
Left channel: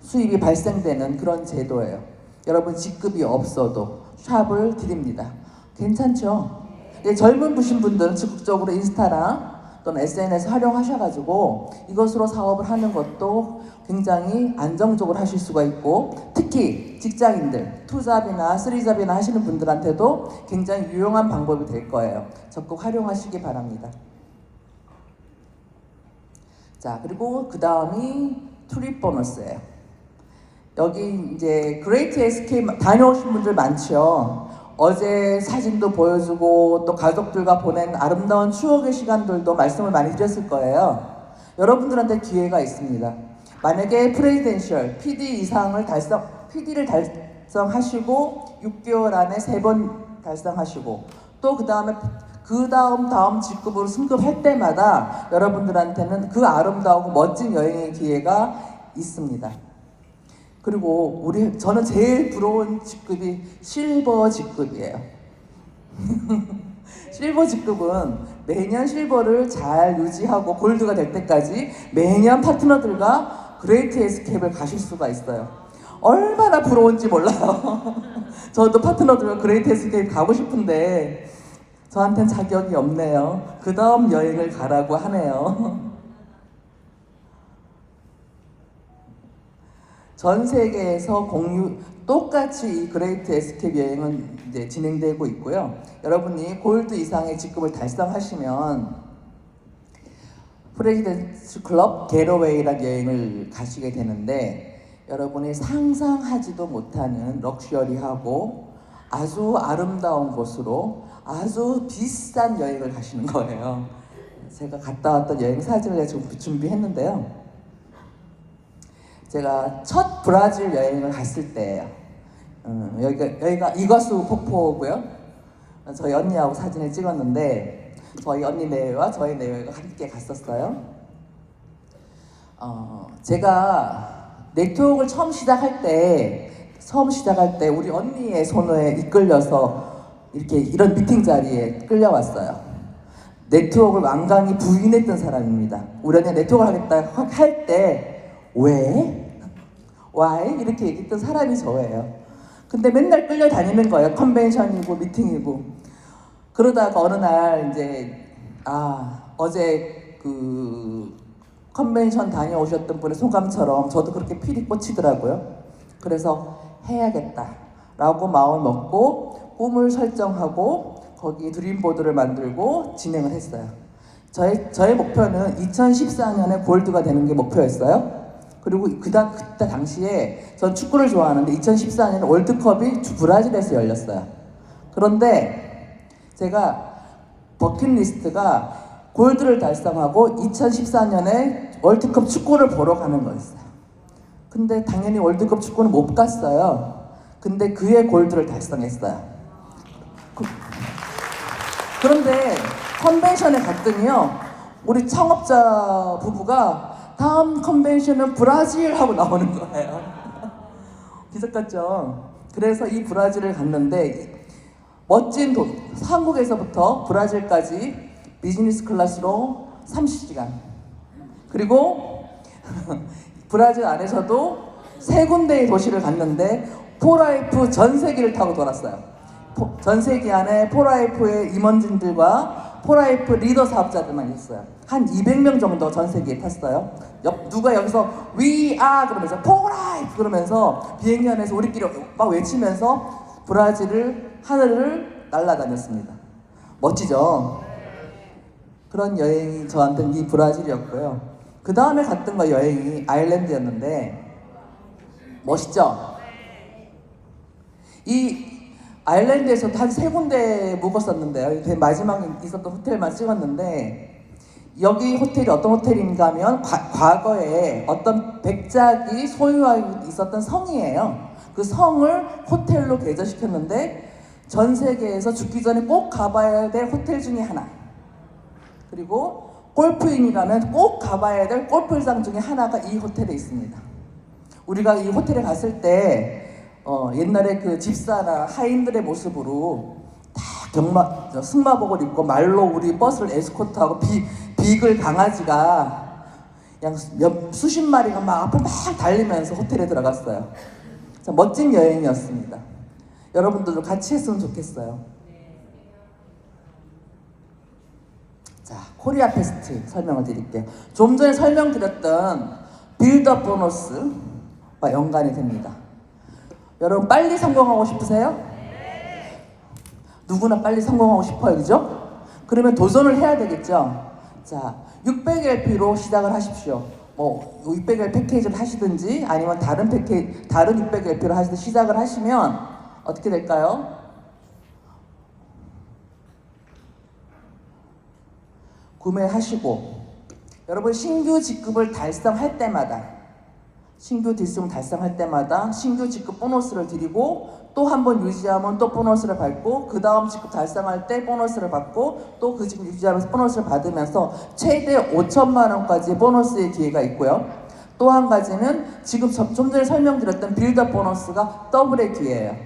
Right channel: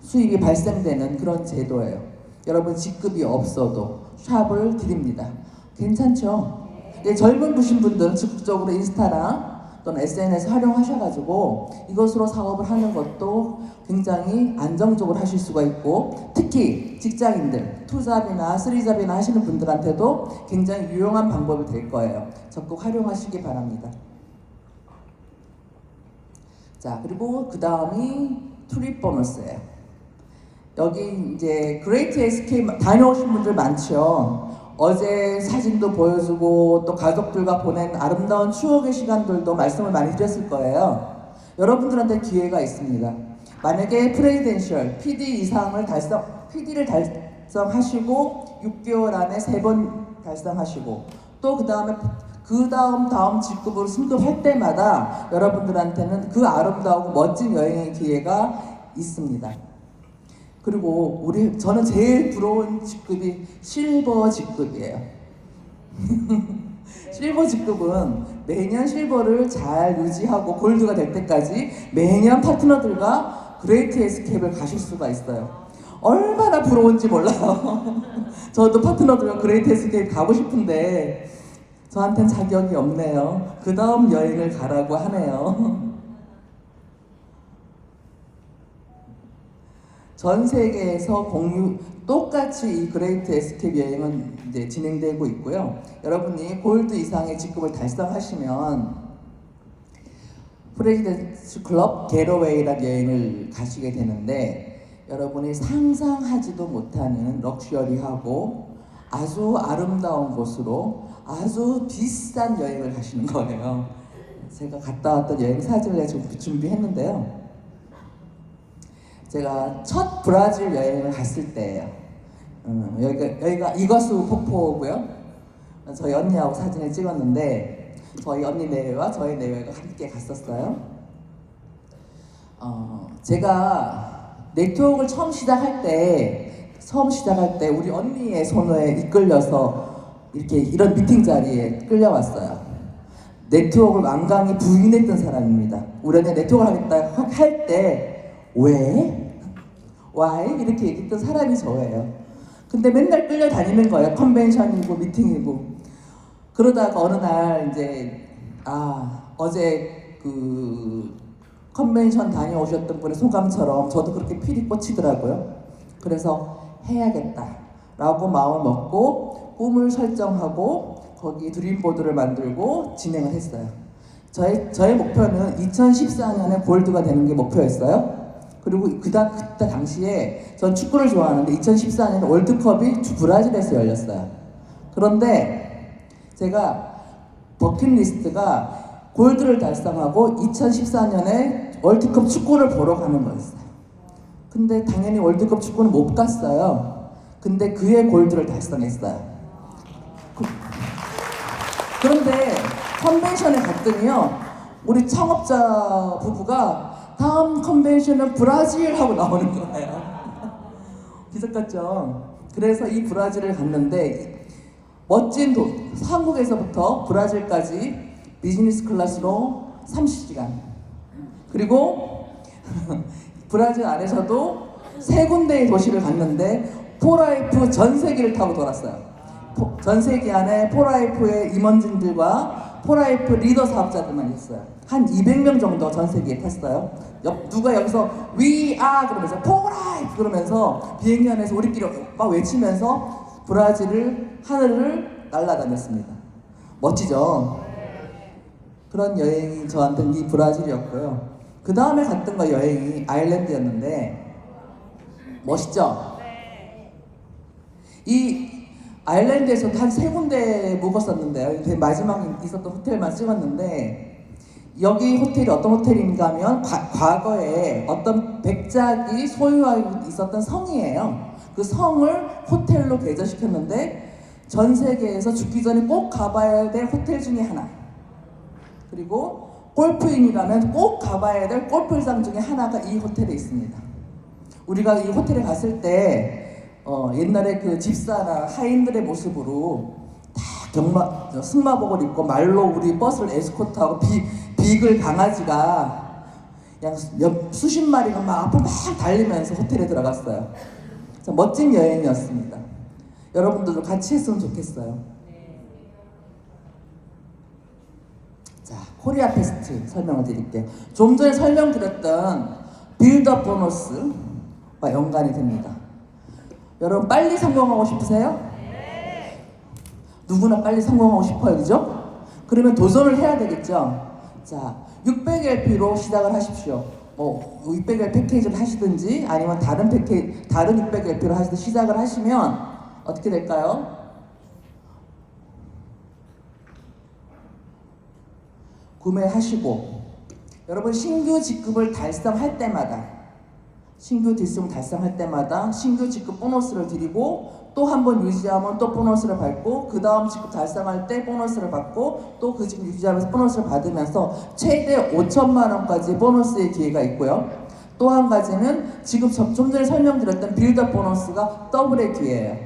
수입이 발생되는 그런 제도예요. 여러분 직급이 없어도 샵을 드립니다. 괜찮죠? 젊은 부신 분들은 적극적으로 인스타랑 또는 SNS 활용하셔가지고 이것으로 사업을 하는 것도 굉장히 안정적으로 하실 수가 있고, 특히 직장인들, 투잡이나 쓰리잡이나 하시는 분들한테도 굉장히 유용한 방법이 될 거예요. 적극 활용하시기 바랍니다. 자, 그리고 그 다음이 트립 보너스예요. 여기 이제 그레이트 에스케이프 다녀오신 분들 많죠. 어제 사진도 보여주고 또 가족들과 보낸 아름다운 추억의 시간들도 말씀을 많이 드렸을 거예요. 여러분들한테 기회가 있습니다. 만약에 프레지덴셜 PD 이상을 PD를 달성하시고 6개월 안에 3번 달성하시고, 또 그 다음 직급으로 승급할 때마다 여러분들한테는 그 아름다우고 멋진 여행의 기회가 있습니다. 그리고 저는 제일 부러운 직급이 실버 직급이에요. 실버 직급은 매년 실버를 잘 유지하고 골드가 될 때까지 매년 파트너들과 그레이트 에스케이프를 가실 수가 있어요. 얼마나 부러운지 몰라요. 저도 파트너들과 그레이트 에스케이프 가고 싶은데 저한텐 자격이 없네요. 그 다음 여행을 가라고 하네요. 전 세계에서 똑같이 이 그레이트 에스케이프 여행은 이제 진행되고 있고요. 여러분이 골드 이상의 직급을 달성하시면 프레지던스 클럽 게러웨이라는 여행을 가시게 되는데, 여러분이 상상하지도 못하는 럭셔리하고 아주 아름다운 곳으로 아주 비싼 여행을 가시는 거예요. 제가 갔다 왔던 여행 사진을 준비했는데요. 제가 첫 브라질 여행을 갔을 때예요. 여기가 이과수 폭포고요. 저희 언니하고 사진을 찍었는데 저희 언니 내외와 저희 내외가 함께 갔었어요. 제가 네트워크를 처음 시작할 때 우리 언니의 손에 이끌려서 이런 미팅 자리에 끌려왔어요. 네트워크를 완강히 부인했던 사람입니다. 우리 언니 네트워크를 하겠다 할 때 왜? Why? 이렇게 얘기했던 사람이 저예요. 근데 맨날 끌려다니는 거예요. 컨벤션이고 미팅이고. 그러다가 어느 날 이제 어제 그 컨벤션 다녀오셨던 분의 소감처럼 저도 그렇게 필이 꽂히더라고요. 그래서 해야겠다라고 마음을 먹고 꿈을 설정하고 거기 드림보드를 만들고 진행을 했어요. 저의 목표는 2014년에 골드가 되는 게 목표였어요. 그리고 그때 당시에 전 축구를 좋아하는데 2014년에 월드컵이 브라질에서 열렸어요. 그런데 제가 버킷리스트가 골드를 달성하고 2014년에 월드컵 축구를 보러 가는 거였어요. 근데 당연히 월드컵 축구는 못 갔어요. 근데 그의 골드를 달성했어요. 그런데 컨벤션에 갔더니요, 우리 창업자 부부가 다음 컨벤션은 브라질 하고 나오는 거예요. 기적 같죠? 그래서 이 브라질을 갔는데 멋진 한국에서부터 브라질까지 비즈니스 클래스로 30시간, 그리고 브라질 안에서도 3군데의 도시를 갔는데 포라이프 전세기를 타고 돌았어요. 전세기 안에 포라이프의 임원진들과 포라이프 리더 사업자들만 있어요. 한 200명 정도 전세기에 탔어요. 누가 여기서 We are 그러면서 포라이프 그러면서 비행기 안에서 우리끼리 막 외치면서 브라질을 하늘을 날아다녔습니다. 멋지죠? 그런 여행이 저한테는 이 브라질이었고요. 그 다음에 갔던 여행이 아일랜드였는데 멋있죠? 이 아일랜드에서도 한 3군데 묵었었는데요. 맨 마지막에 있었던 호텔만 찍었는데, 여기 호텔이 어떤 호텔인가 하면 과거에 어떤 백작이 소유하고 있었던 성이에요. 그 성을 호텔로 개조시켰는데 전 세계에서 죽기 전에 꼭 가봐야 될 호텔 중에 하나. 그리고 골프인이라면 꼭 가봐야 될 골프장 중에 하나가 이 호텔에 있습니다. 우리가 이 호텔에 갔을 때 옛날에 그 집사나 하인들의 모습으로 다 승마복을 입고 말로 우리 버스를 에스코트하고 비글 강아지가 그냥 수십 마리가 막 앞으로 막 달리면서 호텔에 들어갔어요. 멋진 여행이었습니다. 여러분들도 같이 했으면 좋겠어요. 자, 코리아 페스트 설명을 드릴게요. 좀 전에 설명드렸던 빌드업 보너스와 연관이 됩니다. 여러분 빨리 성공하고 싶으세요? 누구나 빨리 성공하고 싶어요, 그죠? 그러면 도전을 해야 되겠죠? 자, 600LP로 시작을 하십시오. 600L 패키지를 하시든지 아니면 다른 600LP로 하시든지 시작을 하시면 어떻게 될까요? 구매하시고 여러분 신규 직급을 달성할 때마다 신규 직급 보너스를 드리고 또 한 번 유지하면 또 보너스를 받고 그 다음 직급 달성할 때 보너스를 받고 또 그 직급 유지하면서 보너스를 받으면서 최대 5천만 원까지 보너스의 기회가 있고요. 또 한 가지는 지금 좀 전에 설명드렸던 빌드업 보너스가 더블의 기회예요.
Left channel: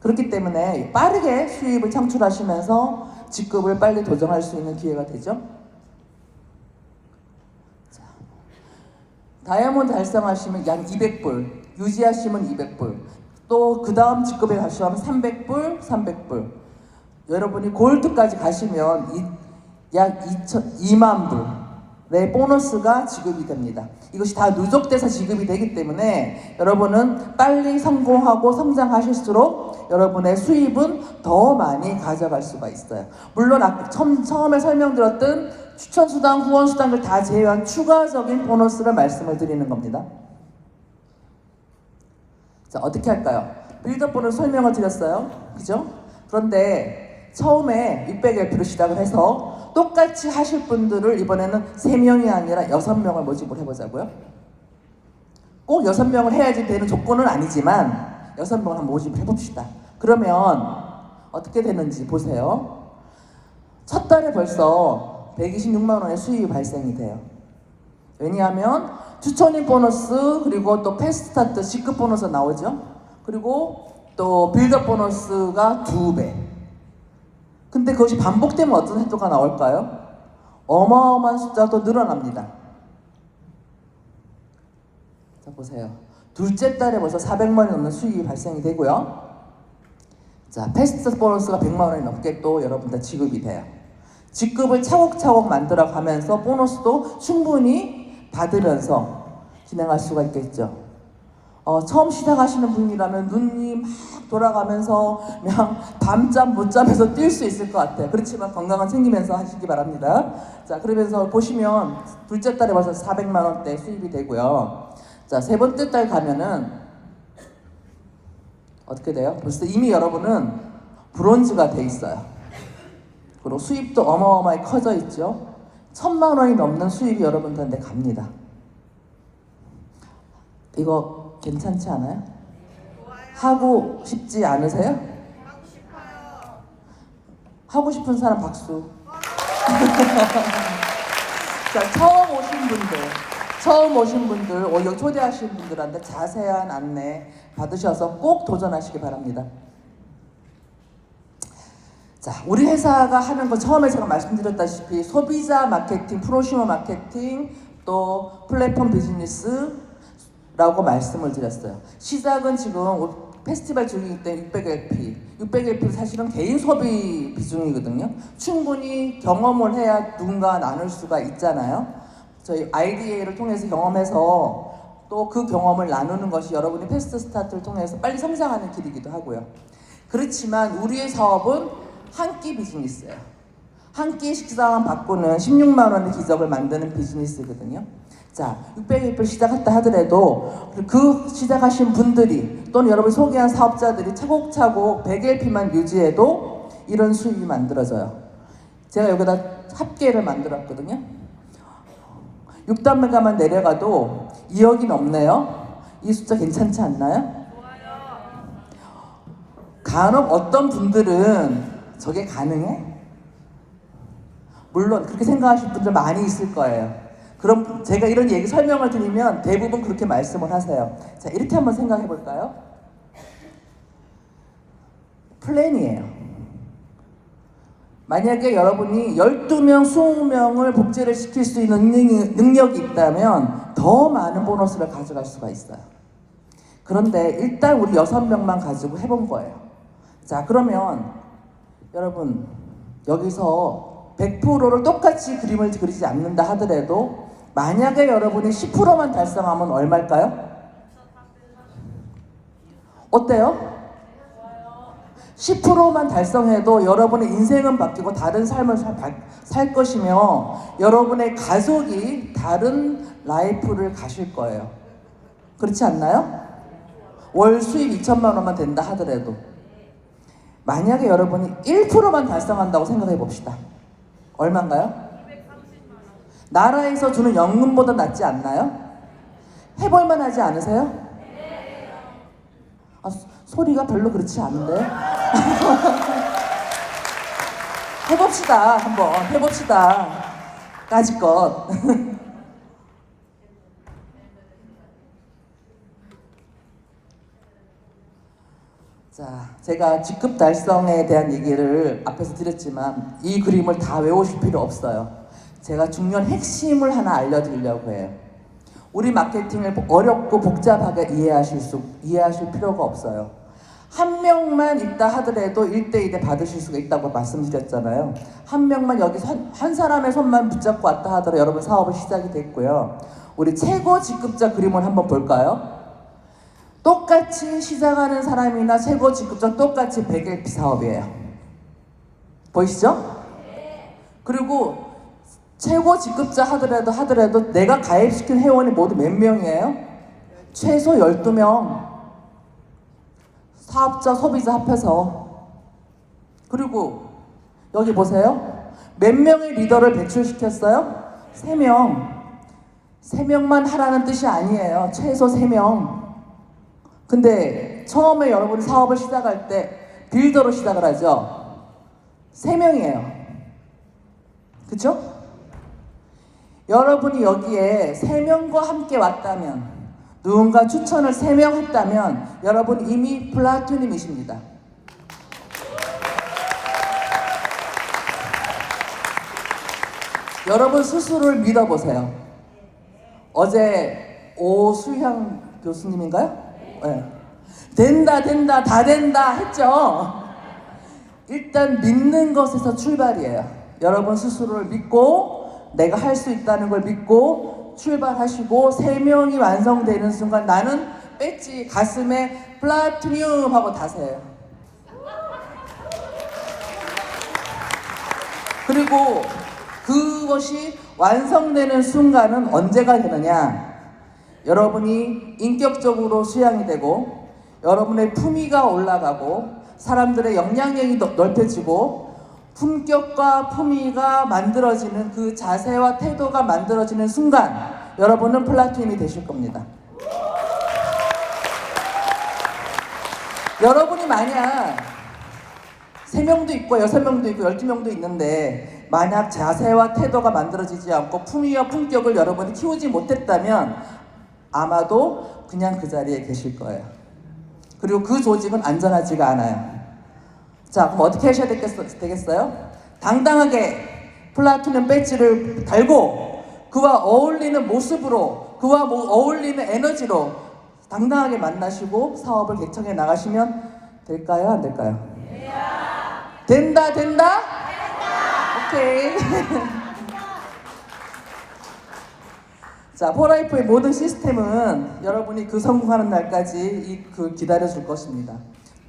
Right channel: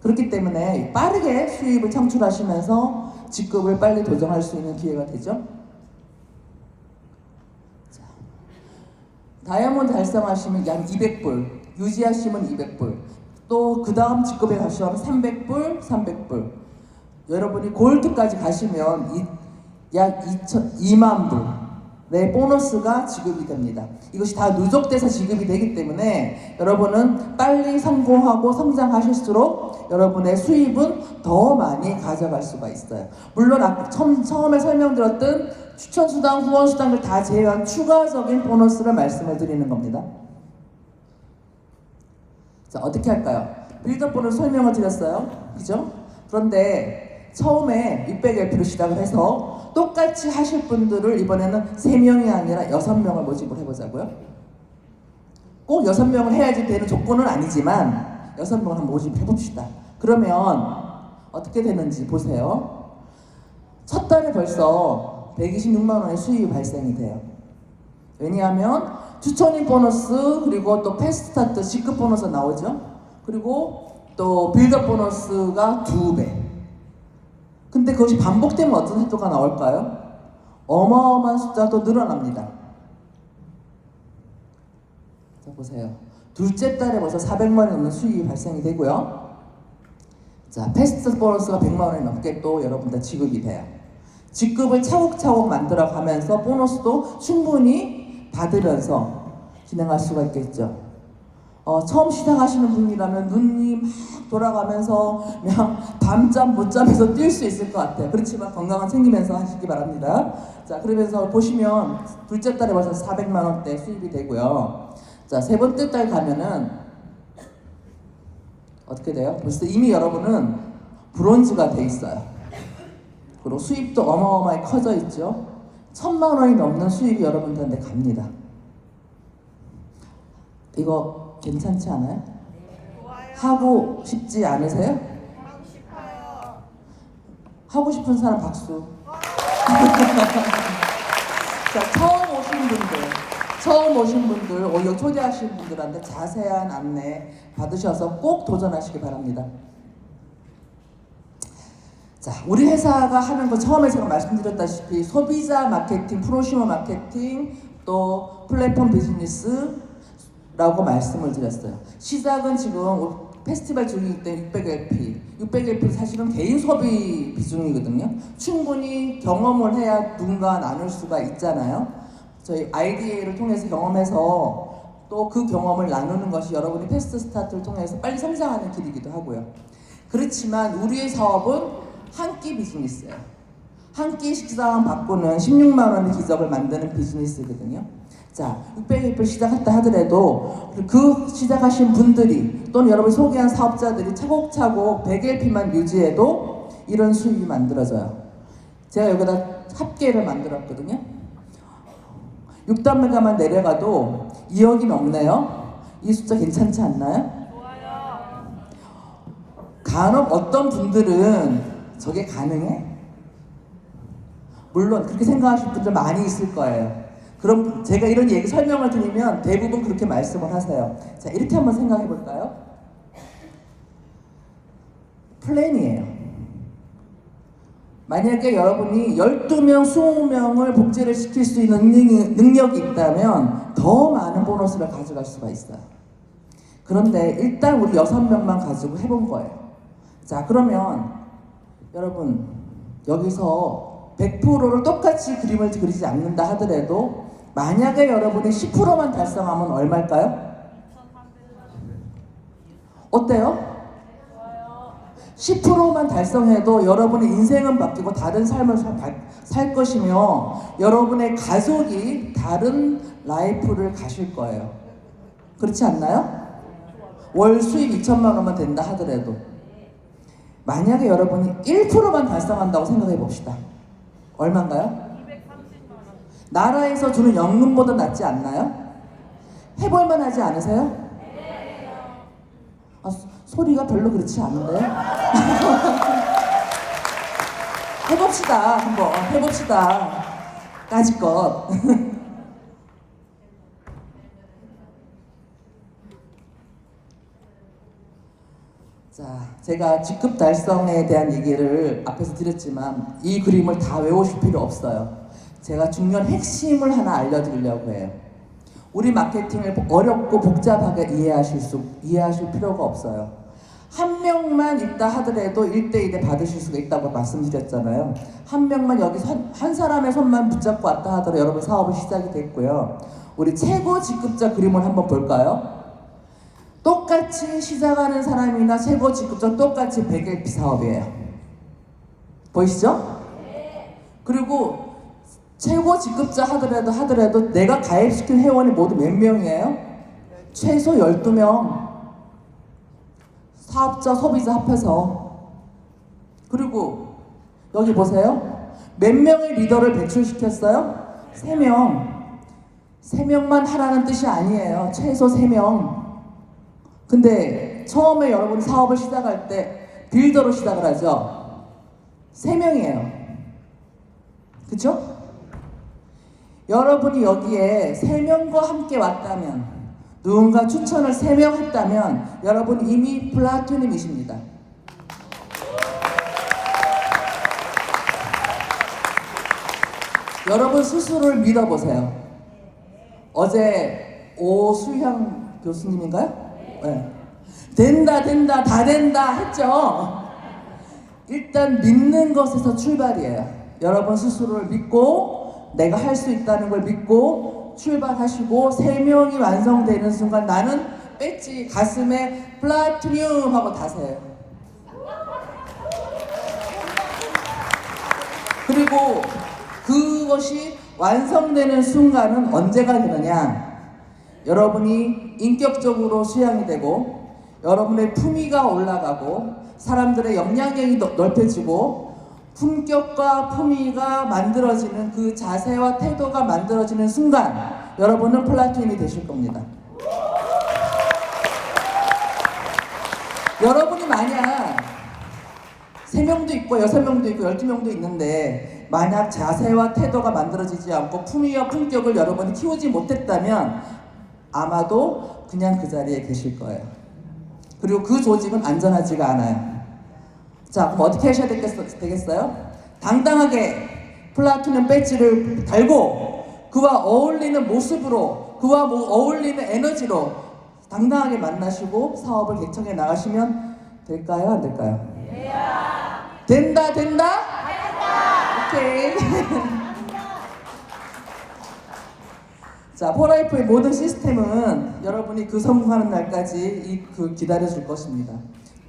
그렇기 때문에 빠르게 수입을 창출하시면서 직급을 빨리 도전할 수 있는 기회가 되죠. 자, 다이아몬드 달성하시면 약 200불, 유지하시면 200불, 또 그 다음 직급에 가시면 300불, 300불. 여러분이 골드까지 가시면 약 2만 불의 보너스가 지급이 됩니다. 이것이 다 누적돼서 지급이 되기 때문에 여러분은 빨리 성공하고 성장하실수록 여러분의 수입은 더 많이 가져갈 수가 있어요. 물론 처음에 설명드렸던 추천수당, 후원수당을 다 제외한 추가적인 보너스를 말씀을 드리는 겁니다. 자, 어떻게 할까요? 빌드업 보너스 설명을 드렸어요. 그죠? 그런데 처음에 600LP로 시작을 해서 똑같이 하실 분들을 이번에는 3명이 아니라 6명을 모집을 해보자고요. 꼭 6명을 해야지 되는 조건은 아니지만 6명을 한번 모집을 해봅시다. 그러면 어떻게 되는지 보세요. 첫 달에 벌써 126만 원의 수입이 발생이 돼요. 왜냐하면 추천인 보너스 그리고 또 패스트스타트 직급 보너스 나오죠. 그리고 또 빌드업 보너스가 2배. 근데 그것이 반복되면 어떤 혜택가 나올까요? 어마어마한 숫자가 또 늘어납니다. 자, 보세요. 둘째 달에 벌써 400만 원이 넘는 수익이 발생이 되고요. 자, 패스트 보너스가 100만 원이 넘게 또 여러분들 지급이 돼요. 직급을 차곡차곡 만들어 가면서 보너스도 충분히 받으면서 진행할 수가 있겠죠. 처음 시작하시는 분이라면 눈이 막 돌아가면서 그냥 밤잠 못 자면서 뛸 수 있을 것 같아요. 그렇지만 건강은 챙기면서 하시기 바랍니다. 자, 그러면서 보시면 둘째 달에 벌써 400만 원대 수입이 되고요. 자, 세 번째 달 가면은 어떻게 돼요? 벌써 이미 여러분은 브론즈가 돼 있어요. 그리고 수입도 어마어마하게 커져 있죠. 1000만 원이 넘는 수입이 여러분들한테 갑니다. 이거 괜찮지 않아요? 하고 싶지 않으세요? 하고 싶은 사람 박수. 자, 처음 오신 분들, 여기 초대하신 분들한테 자세한 안내 받으셔서 꼭 도전하시기 바랍니다. 자, 우리 회사가 하는 거 처음에 제가 말씀드렸다시피 소비자 마케팅, 프로슈머 마케팅, 또 플랫폼 비즈니스라고 말씀을 드렸어요. 시작은 지금 페스티벌 중이기 때문에 600LP 사실은 개인 소비 비중이거든요. 충분히 경험을 해야 누군가 나눌 수가 있잖아요. 저희 IDA를 통해서 경험해서 또 그 경험을 나누는 것이 여러분이 패스트 스타트를 통해서 빨리 성장하는 길이기도 하고요. 그렇지만 우리의 사업은 한 끼 비즈니스예요. 한 끼 식사만 바꾸는 16만 원의 기적을 만드는 비즈니스거든요. 자, 600일 시작했다 하더라도 그 시작하신 분들이 또는 여러분이 소개한 사업자들이 차곡차곡 100LP만 유지해도 이런 수익이 만들어져요. 제가 여기다 합계를 만들었거든요. 6단매가만 내려가도 2억이 넘네요. 이 숫자 괜찮지 않나요? 간혹 어떤 분들은 저게 가능해? 물론 그렇게 생각하시는 분들 많이 있을 거예요. 그럼 제가 이런 얘기 설명을 드리면 대부분 그렇게 말씀을 하세요. 자, 이렇게 한번 생각해 볼까요? 플랜이에요. 만약에 여러분이 12명, 20명을 복제를 시킬 수 있는 능력이 있다면 더 많은 보너스를 가져갈 수가 있어요. 그런데 일단 우리 6명만 가지고 해본 거예요. 자, 그러면 여러분 여기서 100%를 똑같이 그림을 그리지 않는다 하더라도 만약에 여러분이 10%만 달성하면 얼마일까요? 어때요? 10%만 달성해도 여러분의 인생은 바뀌고 다른 삶을 살 것이며 여러분의 가족이 다른 라이프를 가실 거예요. 그렇지 않나요? 월 수입 2천만 원만 된다 하더라도 만약에 여러분이 1%만 달성한다고 생각해 봅시다. 얼마인가요? 나라에서 주는 연금보다 낫지 않나요? 해볼만 하지 않으세요? 아, 소리가 별로 그렇지 않은데? 해봅시다. 한번 해봅시다. 까짓것. 자, 제가 직급 달성에 대한 얘기를 앞에서 드렸지만 이 그림을 다 외우실 필요 없어요. 제가 중요한 핵심을 하나 알려드리려고 해요. 우리 마케팅을 어렵고 복잡하게 이해하실 필요가 없어요. 한 명만 있다 하더라도 1대1에 받으실 수가 있다고 말씀드렸잖아요. 한 명만 여기서 한 사람의 손만 붙잡고 왔다 하더라도 여러분 사업은 시작이 됐고요. 우리 최고 직급자 그림을 한번 볼까요? 똑같이 시작하는 사람이나 최고 직급자 똑같이 100LP 사업이에요. 보이시죠? 그리고 최고 직급자 하더라도 내가 가입시킨 회원이 모두 몇 명이에요? 최소 12명. 사업자, 소비자 합해서. 그리고 여기 보세요. 몇 명의 리더를 배출시켰어요? 3명. 3명만 하라는 뜻이 아니에요. 최소 3명. 근데 처음에 여러분이 사업을 시작할 때 빌더로 시작을 하죠. 3명이에요. 그쵸? 여러분이 여기에 3명과 함께 왔다면 누군가 추천을 3명 했다면 여러분 이미 플라토님이십니다. 여러분 스스로를 믿어보세요. 어제 오수향 교수님인가요? 네. 된다 다 된다 했죠. 일단 믿는 것에서 출발이에요. 여러분 스스로를 믿고 내가 할 수 있다는 걸 믿고 출발하시고 3명이 완성되는 순간 나는 배지 가슴에 플라티늄 하고 다세요. 그리고 그것이 완성되는 순간은 언제가 되느냐? 여러분이 인격적으로 수양이 되고 여러분의 품위가 올라가고 사람들의 영향력이 넓혀지고 품격과 품위가 만들어지는 그 자세와 태도가 만들어지는 순간 여러분은 플라토님이 되실 겁니다. 여러분이 만약 3명도 있고 6명도 있고 12명도 있는데 만약 자세와 태도가 만들어지지 않고 품위와 품격을 여러분이 키우지 못했다면 아마도 그냥 그 자리에 계실 거예요. 그리고 그 조직은 안전하지가 않아요. 자, 그럼 어떻게 하셔야 되겠어요? 당당하게 플라토늄 배지를 달고 그와 어울리는 모습으로 그와 어울리는 에너지로 당당하게 만나시고 사업을 개척해 나가시면 될까요? 안 될까요? 된다? 오케이. 자, 포라이프의 모든 시스템은 여러분이 그 성공하는 날까지 기다려줄 것입니다.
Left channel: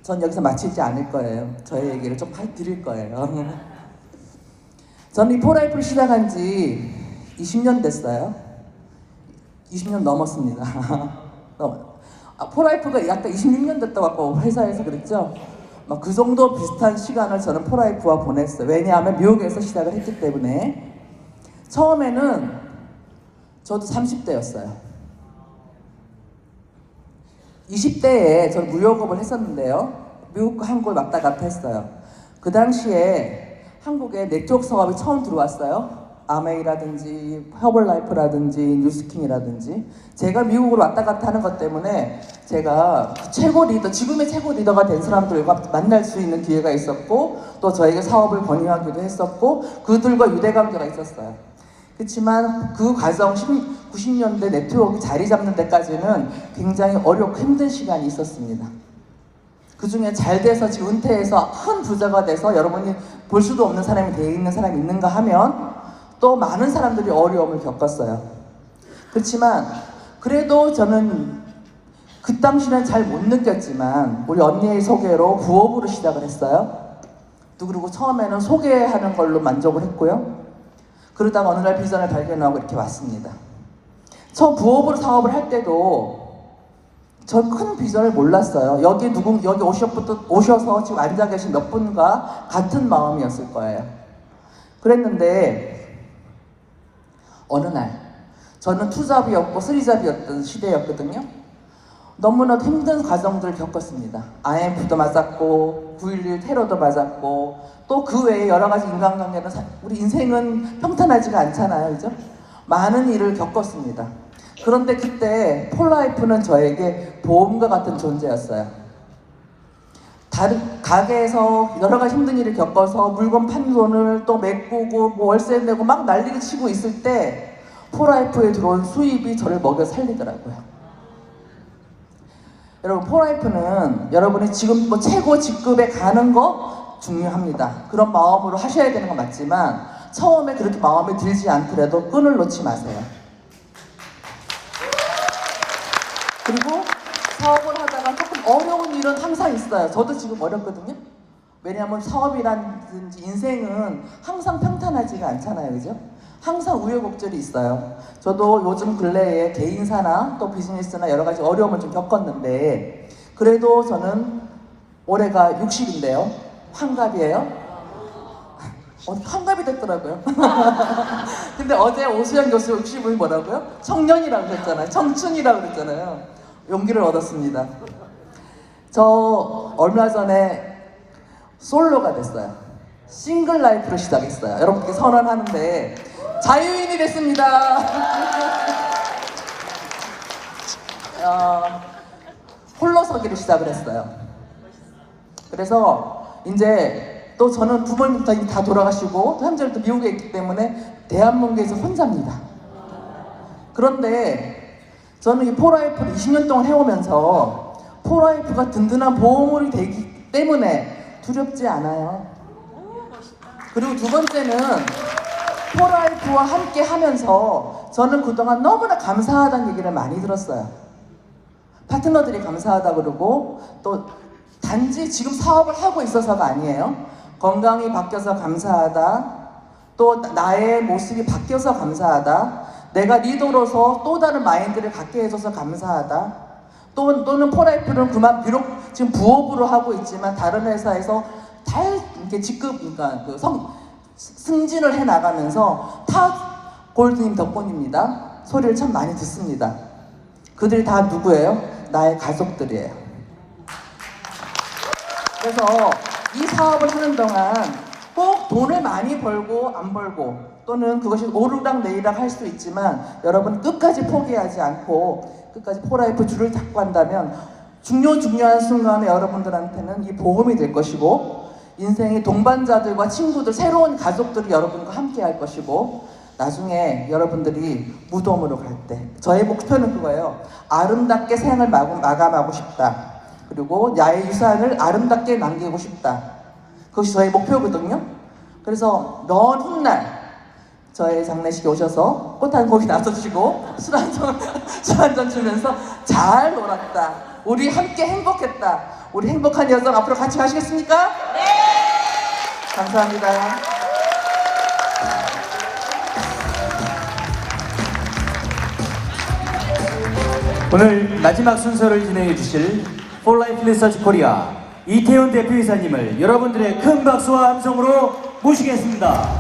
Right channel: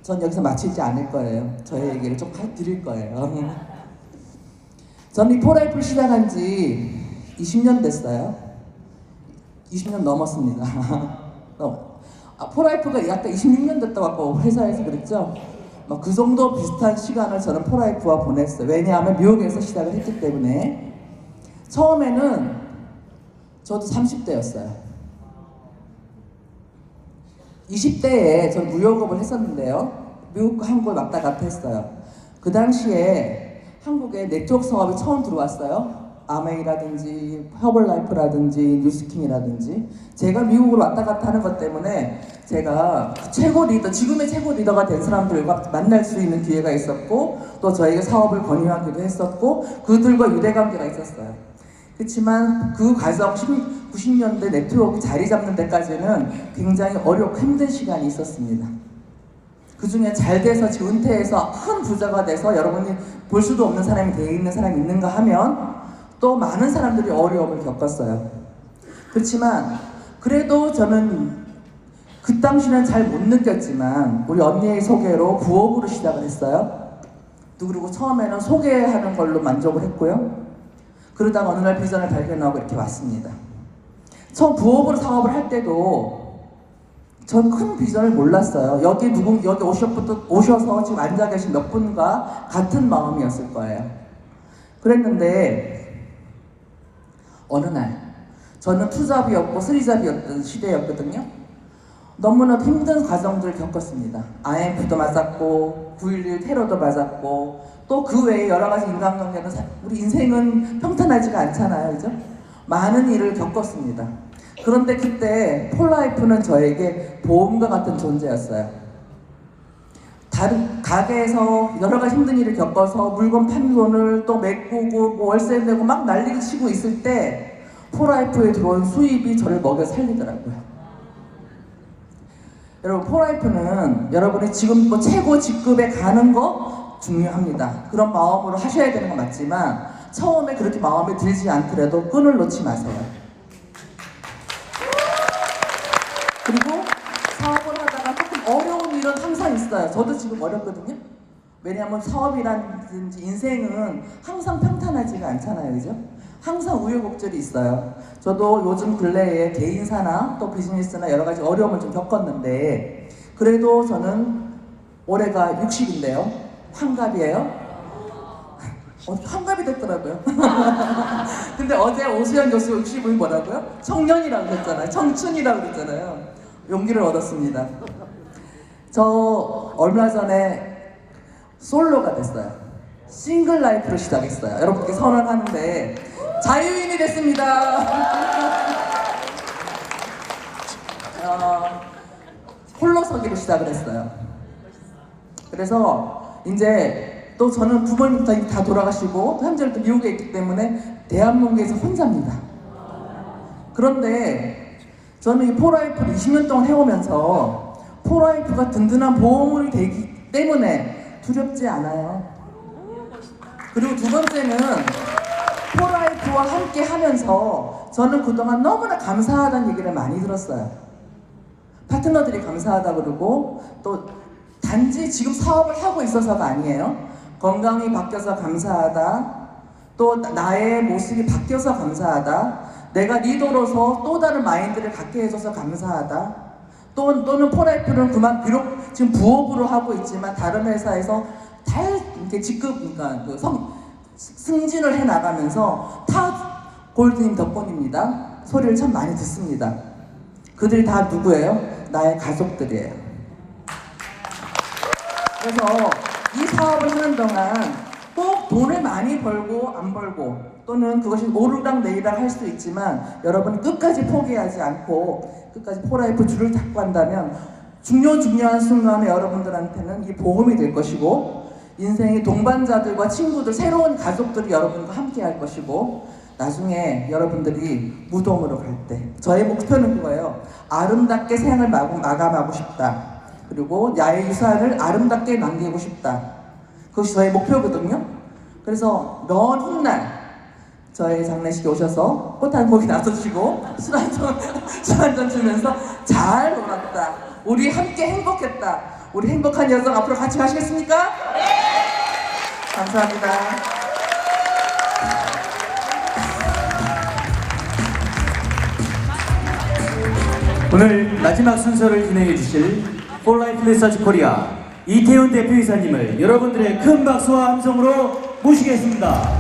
전 여기서 마치지 않을 거예요. 저의 얘기를 좀 드릴 거예요. 저는 이 포라이프를 시작한 지 20년 됐어요. 20년 넘었습니다. 포라이프가 약간 26년 됐다고 회사에서 그랬죠. 막 그 정도 비슷한 시간을 저는 포라이프와 보냈어요. 왜냐하면 미국에서 시작을 했기 때문에. 처음에는 저도 30대였어요. 20대에 저는 무역업을 했었는데요. 미국과 한국을 왔다 갔다 했어요. 그 당시에 한국에 네트워크 사업이 처음 들어왔어요. 아메이라든지 허벌라이프라든지 뉴스킹이라든지. 제가 미국으로 왔다 갔다 하는 것 때문에 제가 최고 리더, 지금의 최고 리더가 된 사람들과 만날 수 있는 기회가 있었고, 또 저에게 사업을 건의하기도 했었고, 그들과 유대관계가 있었어요. 그렇지만 그 과정 90년대 네트워크 자리 잡는 데까지는 굉장히 어렵고 힘든 시간이 있었습니다. 그 중에 잘 돼서 지금 은퇴해서 큰 부자가 돼서 여러분이 볼 수도 없는 사람이 되어 있는 사람이 있는가 하면 또 많은 사람들이 어려움을 겪었어요. 그렇지만 그래도 저는 그 당시는 잘 못 느꼈지만 우리 언니의 소개로 부업으로 시작을 했어요. 그리고 처음에는 소개하는 걸로 만족을 했고요. 그러다가 어느 날 비전을 발견하고 이렇게 왔습니다. 처음 부업으로 사업을 할 때도 전 큰 비전을 몰랐어요. 여기 오셔서 지금 앉아 계신 몇 분과 같은 마음이었을 거예요. 그랬는데 어느 날 저는 투잡이었고 쓰리잡이었던 시대였거든요. 너무나 힘든 과정들을 겪었습니다. IMF도 맞았고 9.11 테러도 맞았고 또 그 외에 여러 가지 인간관계는 우리 인생은 평탄하지가 않잖아요. 그죠? 많은 일을 겪었습니다. 그런데 그때 폴라이프는 저에게 보험과 같은 존재였어요. 다른 가게에서 여러 가지 힘든 일을 겪어서 물건 판 돈을 또 메꾸고 뭐 월세 내고 막 난리를 치고 있을 때 폴라이프에 들어온 수입이 저를 먹여 살리더라고요. 여러분, 폴라이프는 여러분이 지금 뭐 최고 직급에 가는 거 중요합니다. 그런 마음으로 하셔야 되는 건 맞지만 처음에 그렇게 마음에 들지 않더라도 끈을 놓지 마세요. 그리고 사업을 하다가 조금 어려운 일은 항상 있어요. 저도 지금 어렵거든요. 왜냐하면 사업이라든지 인생은 항상 평탄하지가 않잖아요. 그죠? 항상 우여곡절이 있어요. 저도 요즘 근래에 개인사나 또 비즈니스나 여러 가지 어려움을 좀 겪었는데 그래도 저는 올해가 60인데요. 환갑이에요. 환갑이 됐더라고요. 근데 어제 오수연 교수 60을 뭐라고요? 청년이라고 그랬잖아요. 청춘이라고 그랬잖아요. 용기를 얻었습니다. 저 얼마 전에 솔로가 됐어요. 싱글 라이프를 시작했어요. 여러분께 선언하는데 자유인이 됐습니다. 홀로서기를 시작을 했어요. 그래서 이제 또 저는 부모님 다 돌아가시고 현재 또 미국에 있기 때문에 대한민국에서 혼자입니다. 그런데 저는 이 폴라이프를 20년 동안 해오면서 폴라이프가 든든한 보험이 되기 때문에 두렵지 않아요. 그리고 두 번째는 폴라이프와 함께 하면서 저는 그동안 너무나 감사하다는 얘기를 많이 들었어요. 파트너들이 감사하다 그러고 또 단지 지금 사업을 하고 있어서가 아니에요. 건강이 바뀌어서 감사하다. 또 나의 모습이 바뀌어서 감사하다. 내가 리더로서 또 다른 마인드를 갖게 해줘서 감사하다. 또는 폴라이프는 비록 지금 부업으로 하고 있지만 다른 회사에서 잘 이렇게 그러니까 승진을 해 나가면서 타 골드님 덕분입니다. 소리를 참 많이 듣습니다. 그들이 다 누구예요? 나의 가족들이에요. 그래서 이 사업을 하는 동안 꼭 돈을 많이 벌고 안 벌고 또는 그것이 오르락 내리락 할 수 있지만 여러분 끝까지 포기하지 않고 끝까지 폴라이프 줄을 잡고 한다면 중요한 순간에 여러분들한테는 이 보험이 될 것이고 인생의 동반자들과 친구들, 새로운 가족들이 여러분과 함께 할 것이고 나중에 여러분들이 무덤으로 갈 때 저의 목표는 그거예요. 아름답게 생을 마감하고 싶다. 그리고 야외 유산을 아름답게 남기고 싶다. 그것이 저의 목표거든요. 그래서 먼 훗날 저의 장례식에 오셔서 꽃 한 고기 놔주시고 술 한 잔 주면서 잘 놀았다. 우리 함께 행복했다. 우리 행복한 여정 앞으로 같이 가시겠습니까? 네! 감사합니다. 오늘 마지막 순서를 진행해 주실 폴라이프 리서치 코리아 이태훈 대표이사님을 여러분들의 큰 박수와 함성으로 모시겠습니다.